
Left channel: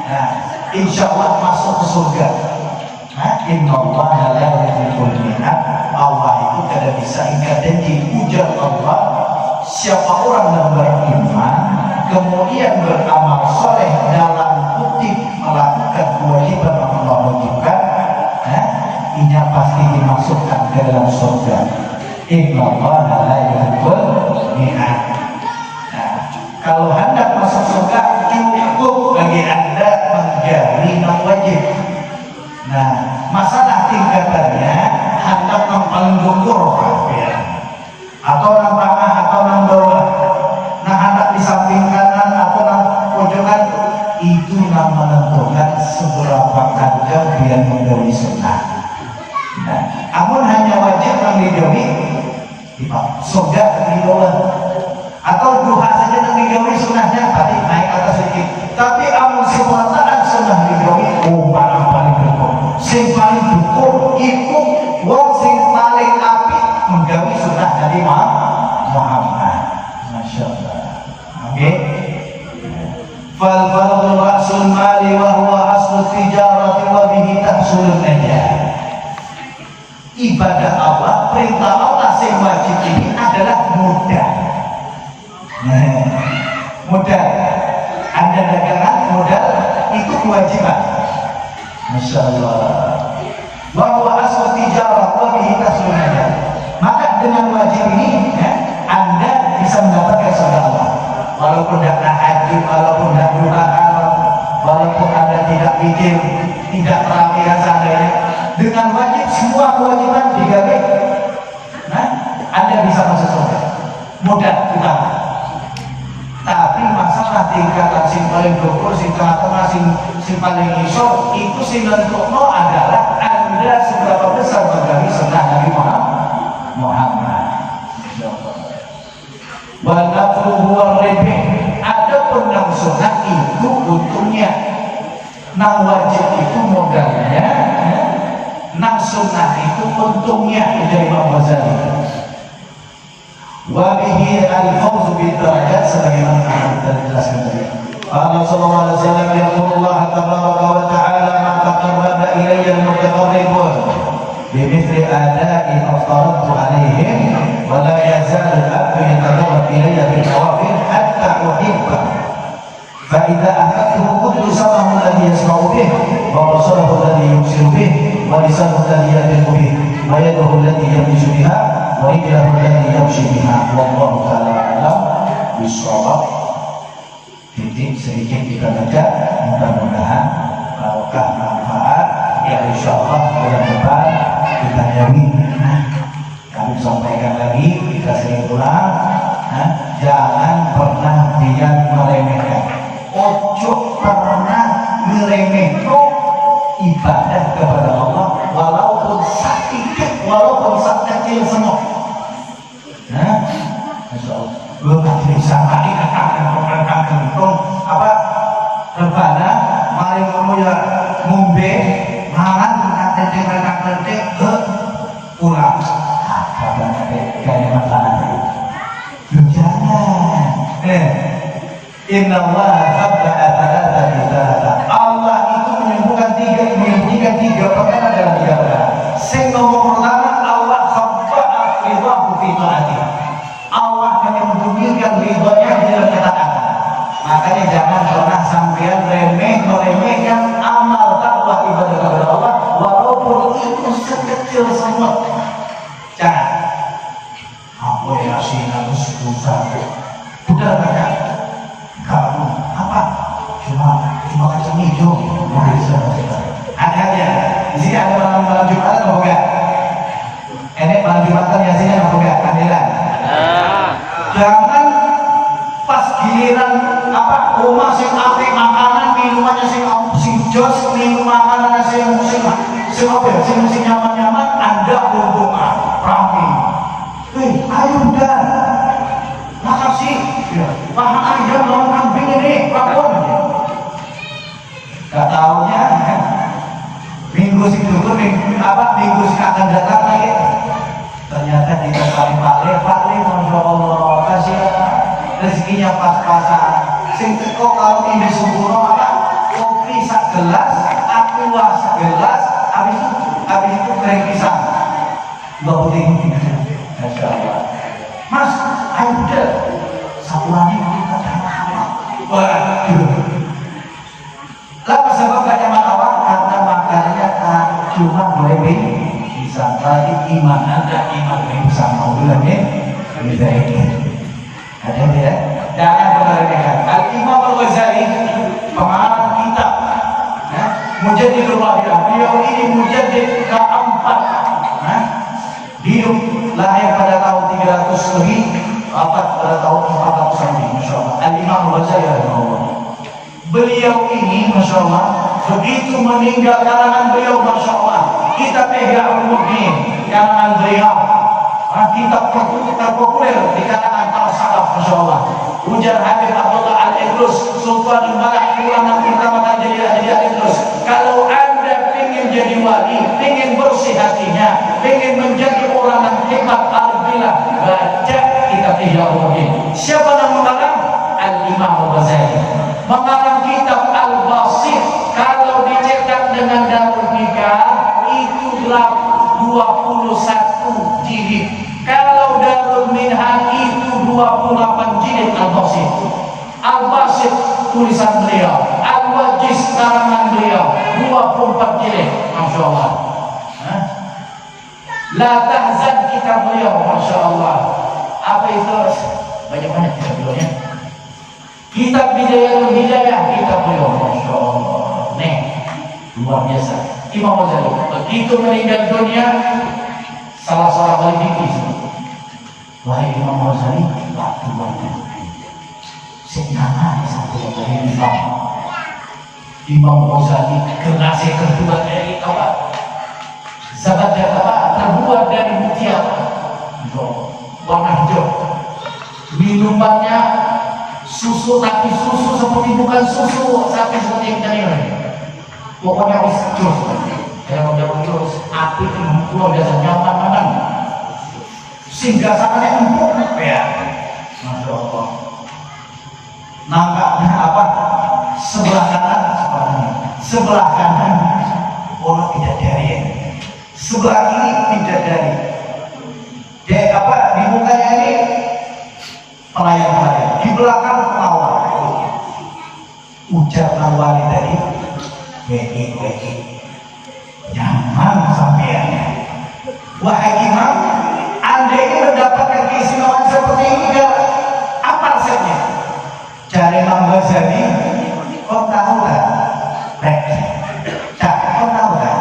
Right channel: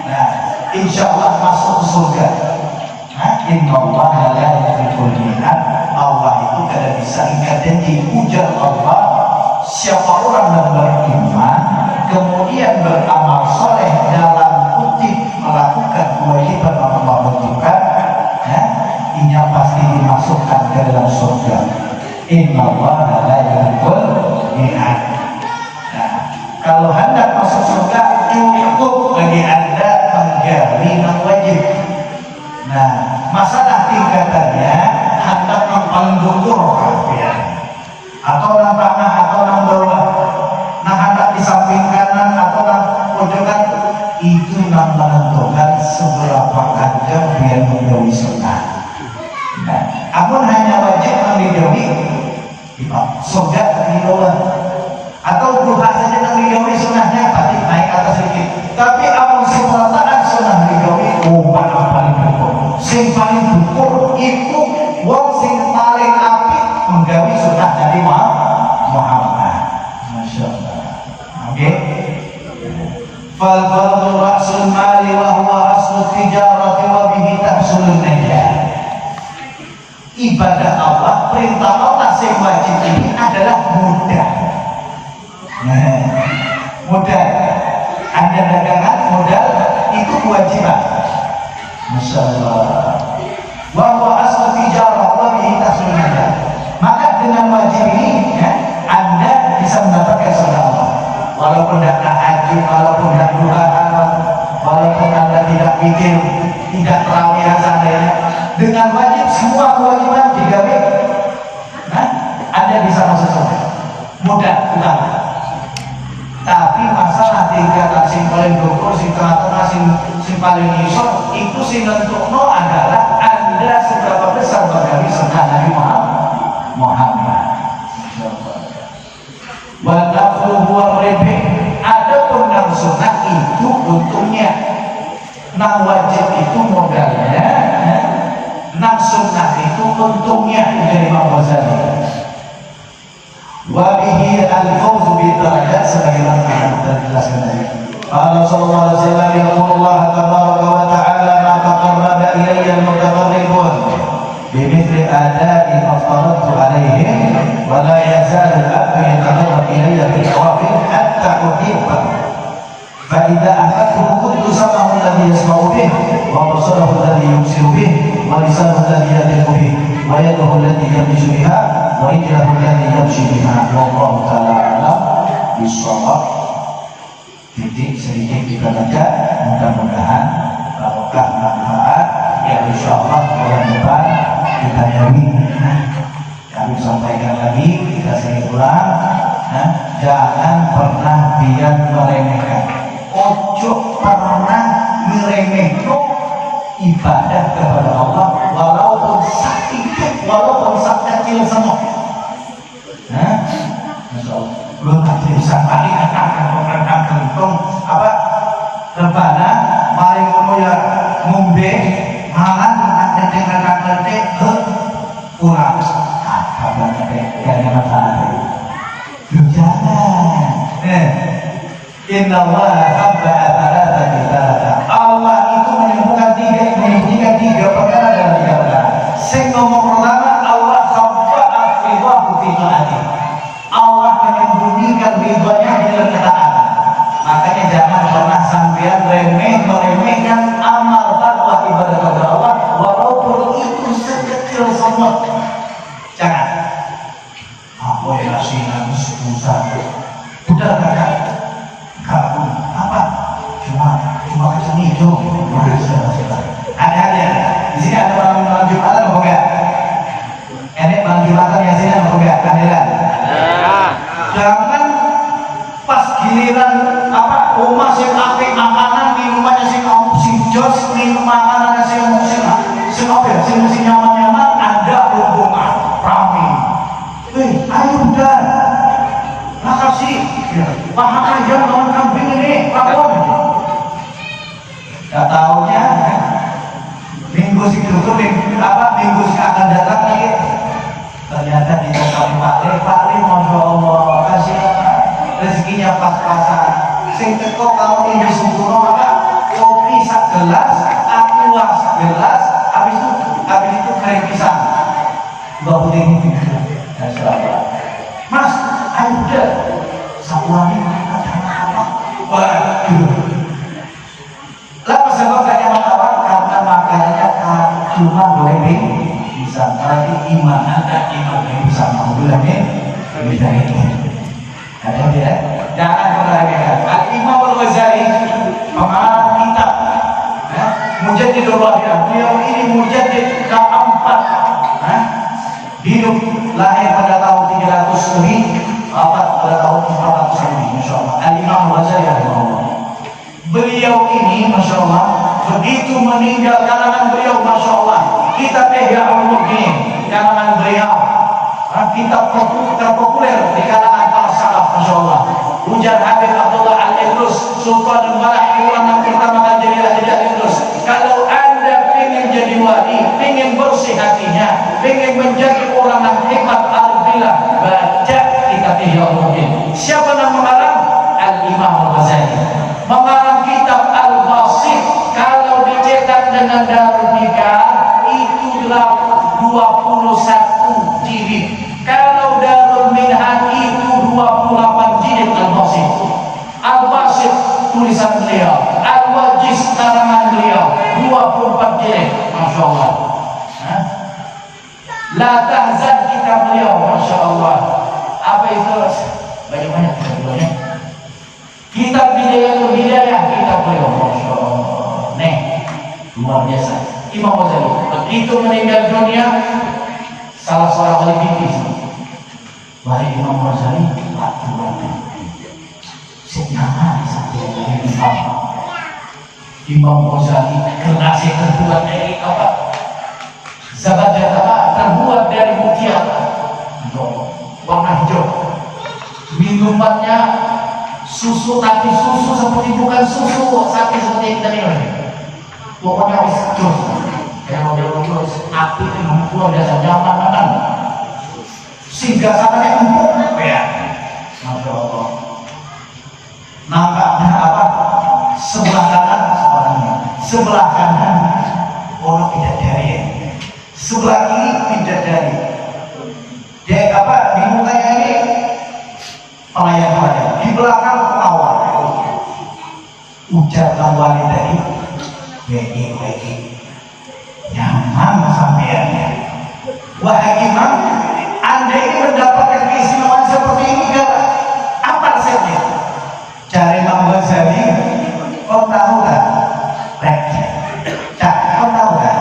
Nah, insya Allah masuk ke surga. Innallaha la yuhibbul mi'ad. Allah itu kada bisa ingkar janji. Ujar Allah, siapa orang yang beriman kemudian beramal soleh dalam kutip melakukan kewajiban Allah wajibkan, ia pasti dimasukkan ke dalam surga. Innallaha la yuhibbul mi'ad. Nah, kalau hendak masuk surga cukup bagi anda menggali yang wajib. Nah, masalah tingkatannya hendak yang paling gugur atau yang tengah atau yang bawah, nah hendak di samping kanan atau yang pojokan, itu yang menentukan seberapa anda biar menggawi sunnah. Nah, amun hanya wajib menggawi surga di bawah, atau duha saja menggawi sunnahnya pasti naik atas sedikit. Tapi amun seperataan sunnah menggawi, mana paling dukur? Sing paling dukur itu wong sing paling apik menggawi sunnah Nabi Muhammad. Masya Allah. Oke. Fal fardhu ra'sul mali wa huwa aslu tijarati wa bihi tahsulun najah. Ibadah Allah, perintah Allah sing wajib ini adalah mudah. Mudah. Anda dagangan modal itu kewajiban. Masya Allah. Wa huwa aslu tijarah wa bihi tahsulun najah. Maka dengan wajib ini Anda bisa mendapatkan surga Allah. Walaupun tidak tahajud, walaupun tidak duhaan, walaupun Anda tidak mikir, tidak terawih dan seandainya, dengan wajib semua kewajiban digawe, Anda bisa masuk surga. Mudah, utama. Tapi masalah tingkatan sing paling dukur, sing tengah-tengah, sing paling isor, itu sing nentukno adalah Anda seberapa besar menggawi sunnah Nabi Muhammad. Wa nafluhu war-ribh. Adapun nang sunnah itu untungnya, nang wajib itu modalnya, nang sunnah itu untungnya. Dari Imam Ghazali. Wa bihi al-fawz bi darajat, sebagaimana kita jelaskan tadi. Allah sallallahu alaihi wasallam yaqulullah tabaraka wa ta'ala ma taqarraba ilayya al-mutaqarribun bimithli ada'i aftaratu alaihim wa la yazalu al-abdu yataqarrab ilayya bil nawafil hatta uhibba fa idza akhadtu kuntu samahu alladhi yasma'u bih wa basarahu alladhi yubsiru bih wa lisanuhu alladhi yahdimu bih wa yaduhu allati yabtishu biha wa rijluhu allati yamshi biha. Wallahu ta'ala a'lam bishawab. Titik sedikit kita baca, mudah-mudahan barokah manfaat ya, insya Allah bulan depan kita jauhi. Kami sampaikan lagi, kita sering ulang, jangan pernah dia meremehkan. Ojo pernah meremehkan ibadah kepada Allah, walaupun sedikit, walaupun kecil semua. Masya Allah. Belum bisa mandi kentang kentung apa rebana mari ngono ya ngombe mangan kentang kenting pulang apa kayak masalah jangan inna Allah qabla atarata kita Allah itu menyembuhkan tiga perkara dalam ibadah. Sing nomor pertama Allah khabba'a ridhahu fi ta'ati. Allah menyembunyikan ridhonya di dalam ketaatan. Makanya jangan pernah sampean meremehkan amal takwa ibadah kepada Allah, walaupun itu sekecil semut. Jangan. Apa ya asinan susah. Udah kakak. Kamu apa? Cuma kecil hijau. Ada aja. Di sini ada malam Jumatan atau enggak? Enek malam Jumatan yang sini atau enggak? Kadilan. Jangan pas giliran apa omah sing apik makanan minumannya sing jos minum makanan sing nyaman-nyaman Anda hubungan rame. Ayo udah makasih ya. Paha ayam lawan kambing ini lapor. Gak tahunya minggu sing minggu sing akan datang lagi ternyata dikasih Pak Le masya Allah kasih rezekinya pas-pasan. Sing teko kalau ini subuh apa kopi sak gelas, aqua sak gelas, habis itu kering pisang. Dua putih. Masya Allah. Mas, ayo udah satu lagi makan jangan apa. Waduh. Kenapa sebab gak nyaman awak? Karena makanannya cuma boleh pisang. Berarti iman Anda iman pisang. Mau bilang bisa ini. Ada tidak? Jangan berlebihan. Al-Imam Al-Ghazali pengarang kitab Mujaddidul Wahid. Beliau ini mujaddid keempat. Hidup lahir pada tahun 300 lebih, wafat pada tahun 400 lebih. Masya Allah. Al-Imam Al-Ghazali. Beliau ini Masya Allah begitu meninggal karangan beliau Masya Allah kitab Ihya Ulumuddin karangan beliau kitab terpopuler di kalangan para salaf Masya Allah. Ujar Habib Abdullah Al-Idrus Sultan Al-Malak ulama pertama kali jadi Al-Idrus, kalau Anda ingin jadi wali, ingin bersih hatinya, ingin menjadi orang yang hebat alhamdulillah, baca kitab Ihya Ulumuddin. Siapa yang mengarang? Al-Imam Al-Ghazali. Mengarang kitab Al-Basit, kalau dicetak dengan Darul Hikam itu 21 jilid. Kalau Darul Minhaj itu 28 jilid Al-Basit. Al-Basit tulisan beliau, Al-Wajiz karangan beliau 24 jilid. Masya Allah. La Tahzan kitab beliau. Masya Allah. Apa itu? Banyak-banyak kitab beliau. Kitab Bidayatul Hidayah kitab beliau. Masya Allah. Nih, luar biasa. Imam Ghazali begitu meninggal dunia, salah seorang ahli fikih wahai Imam Ghazali waktu senyaman sampai dari Imam Ghazali kertasnya terbuat dari apa? Zabat apa? Terbuat dari mutiara warna hijau. Minumannya susu, tapi susu seperti bukan susu sapi seperti kita ini. Pokoknya habis jus. Yang mau jauh jus, api itu membuang dasar nyaman makan. Sehingga sangatnya empuk, ya. Masya Allah. Nampaknya apa? Sebelah kanan, sebelah kanan, orang bidadari. Sebelah kiri bidadari. Dia apa? Di mukanya ini pelayan-pelayan, di belakang pengawal. Ujar nawali tadi, begi, nyaman sampeannya. Wahai Imam, Anda ini mendapatkan keistimewaan seperti ini kan? Apa resepnya? Cari Imam Ghazali, kau tahu kan? Kau tahu kan?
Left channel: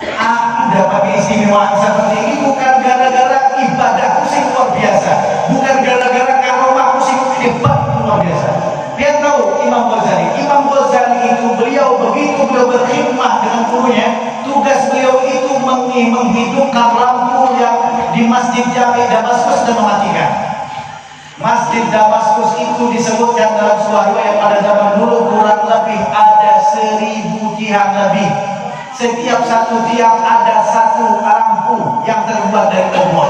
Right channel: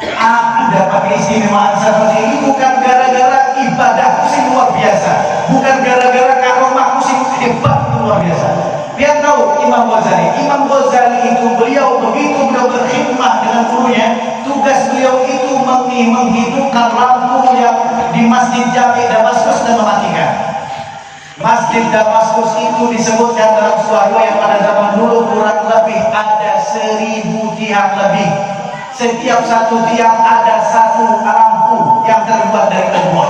Aku dapat keistimewaan seperti ini bukan gara-gara ibadahku sih luar biasa, bukan gara-gara karomahku sih hebat luar biasa. Dia tahu Imam Ghazali itu beliau berkhidmah dengan gurunya, tugas beliau itu menghidupkan lampu yang di Masjid Jami Damaskus dan mematikan. Masjid Damaskus itu disebutkan dalam sebuah riwayat pada zaman dulu kurang lebih ada 1000 tiang lebih. Setiap satu tiang ada satu lampu yang terbuat dari obor.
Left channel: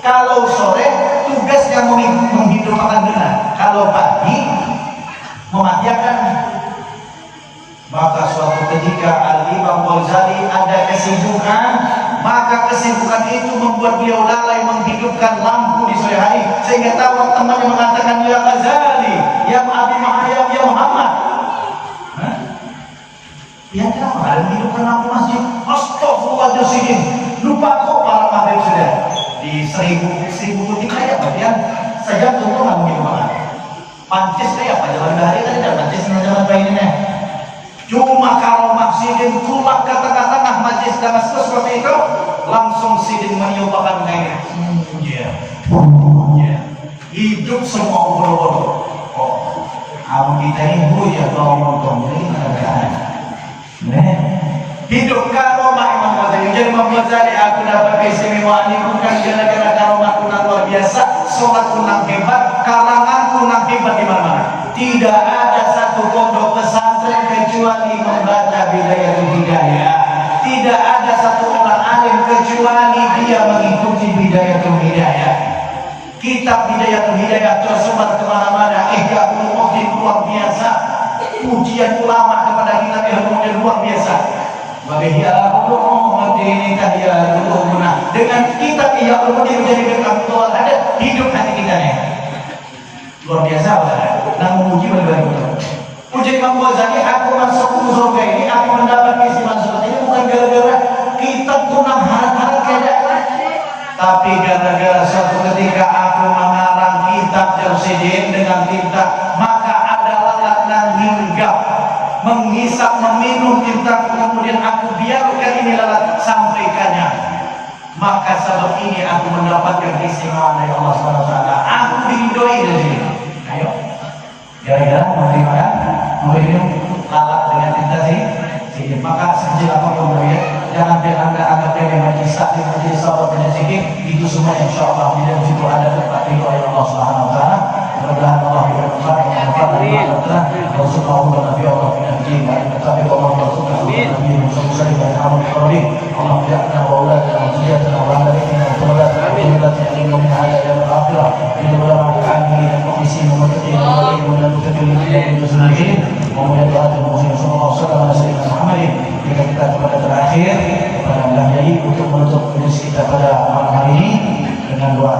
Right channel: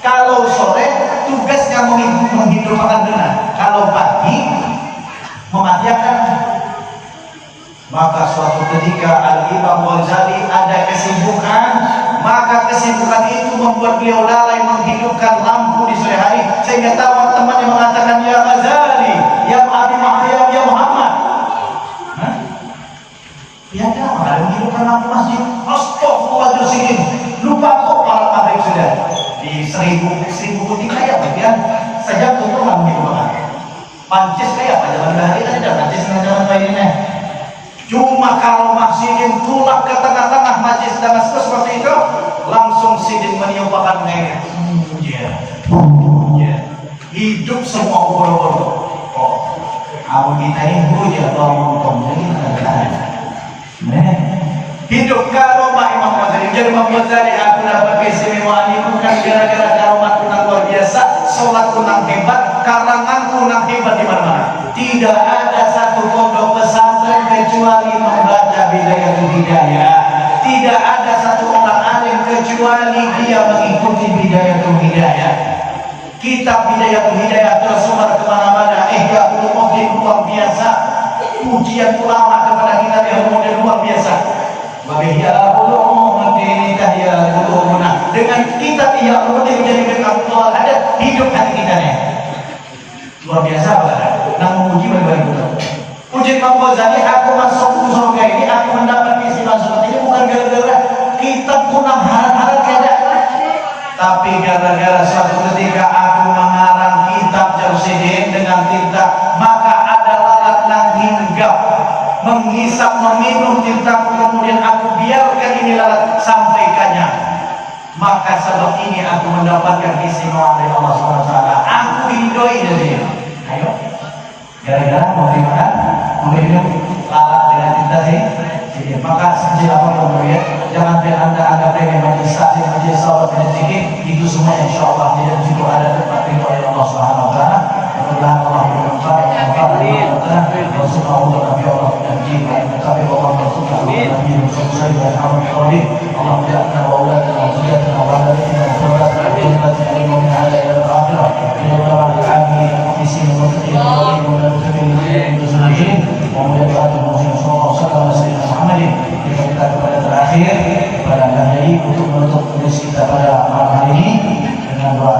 Kalau sore tugasnya menghidupkan benar, kalau pagi mematikan. Maka suatu ketika Al-Imam Ghazali ada kesibukan, maka kesibukan itu membuat beliau lalai menghidupkan lampu di sore hari, sehingga teman-temannya mengatakan, ya Ghazali, ya Abi Mahayam, ya Muhammad, ya kenapa ada menghidupkan lampu masjid? Astagfirullahaladzim, lupa kok para maghrib sudah di 1000 putih kaya bagian sejak tutup nggak menghidupkan pancis kayak apa jalan hari kan tidak pancis jalan lainnya. Cuma kalau Sidin tulak ke tengah-tengah majlis Damaskus seperti itu, langsung Sidin meniupkan air. Hidup semua ubur-ubur. Awak kita ini hujan tolong jadi kerjaan. Hidup karomah Imam Ghazali. Jadi Imam Ghazali aku dapat keistimewaan ini bukan gara-gara karomat kunang luar biasa, sholat kunang hebat, karangan kunang hebat di mana-mana. Tidak ada satu pondok pesantren kecuali membaca Bidayatul Hidayah. Tidak ada satu orang alim kecuali dia mengikuti Bidayatul Hidayah. Kitab Bidayatul Hidayah tersebar kemana-mana. Ihya Ulumuddin luar biasa. Pujian ulama kepada kitab ilmu luar biasa. Wabihya Ulumuddin tahya ulumuna. Dengan kitab Ihya Ulumuddin menjadi backup total ada hidup hati kita nih. Luar biasa banget. Nang memuji benar-benar betul. Ujian Imam Ghazali, aku masuk surga ini, aku mendapat keistimewaan seperti ini bukan gara-gara kitab kunang harap-harap kayak tapi gara-gara suatu ketika aku mengarang kitab Jamsidin dengan tinta, maka ada lalat nang hinggap menghisap meminum tinta, kemudian aku biarkan ini lalat sampai kenyang. Maka sebab ini aku mendapatkan keistimewaan dari Allah SWT. Aku diridhoi dari dia. Ayo, gara-gara mau dimakan, mau minum lalat dengan tinta sih. Maka sejak apapun ya, jangan biar anda anggap remeh majelis taklim, majelis sahabat dan sedikit itu semua insya Allah tidak situ ada tempat ridho oleh Allah Subhanahu Wa Taala. Mudah-mudahan Allah bermanfaat dan manfaat dari Allah. Rasulullah Nabi Allah Nabi Nabi Allah Rasulullah Nabi Muhammad Sallallahu Allah biarkan Allah dan Allah dan Allah dari kita berdoa kita tidak ingin ada yang terakhir. Kita berdoa kami mengisi memutih dan terpilih itu sendiri. Kemudian Rasulullah Sallallahu Alaihi Wasallam kita kepada terakhir kepada Anda untuk menutup kuis kita pada malam hari ini dengan doa.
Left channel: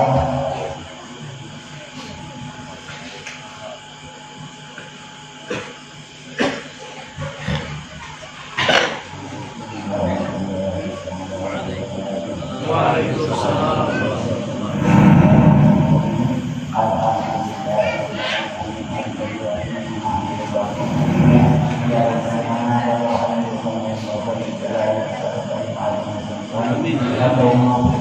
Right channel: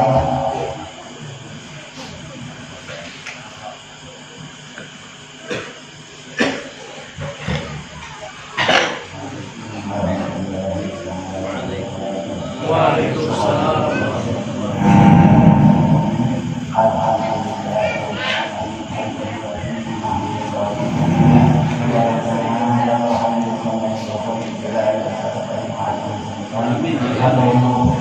Waalaikumsalam. Amin.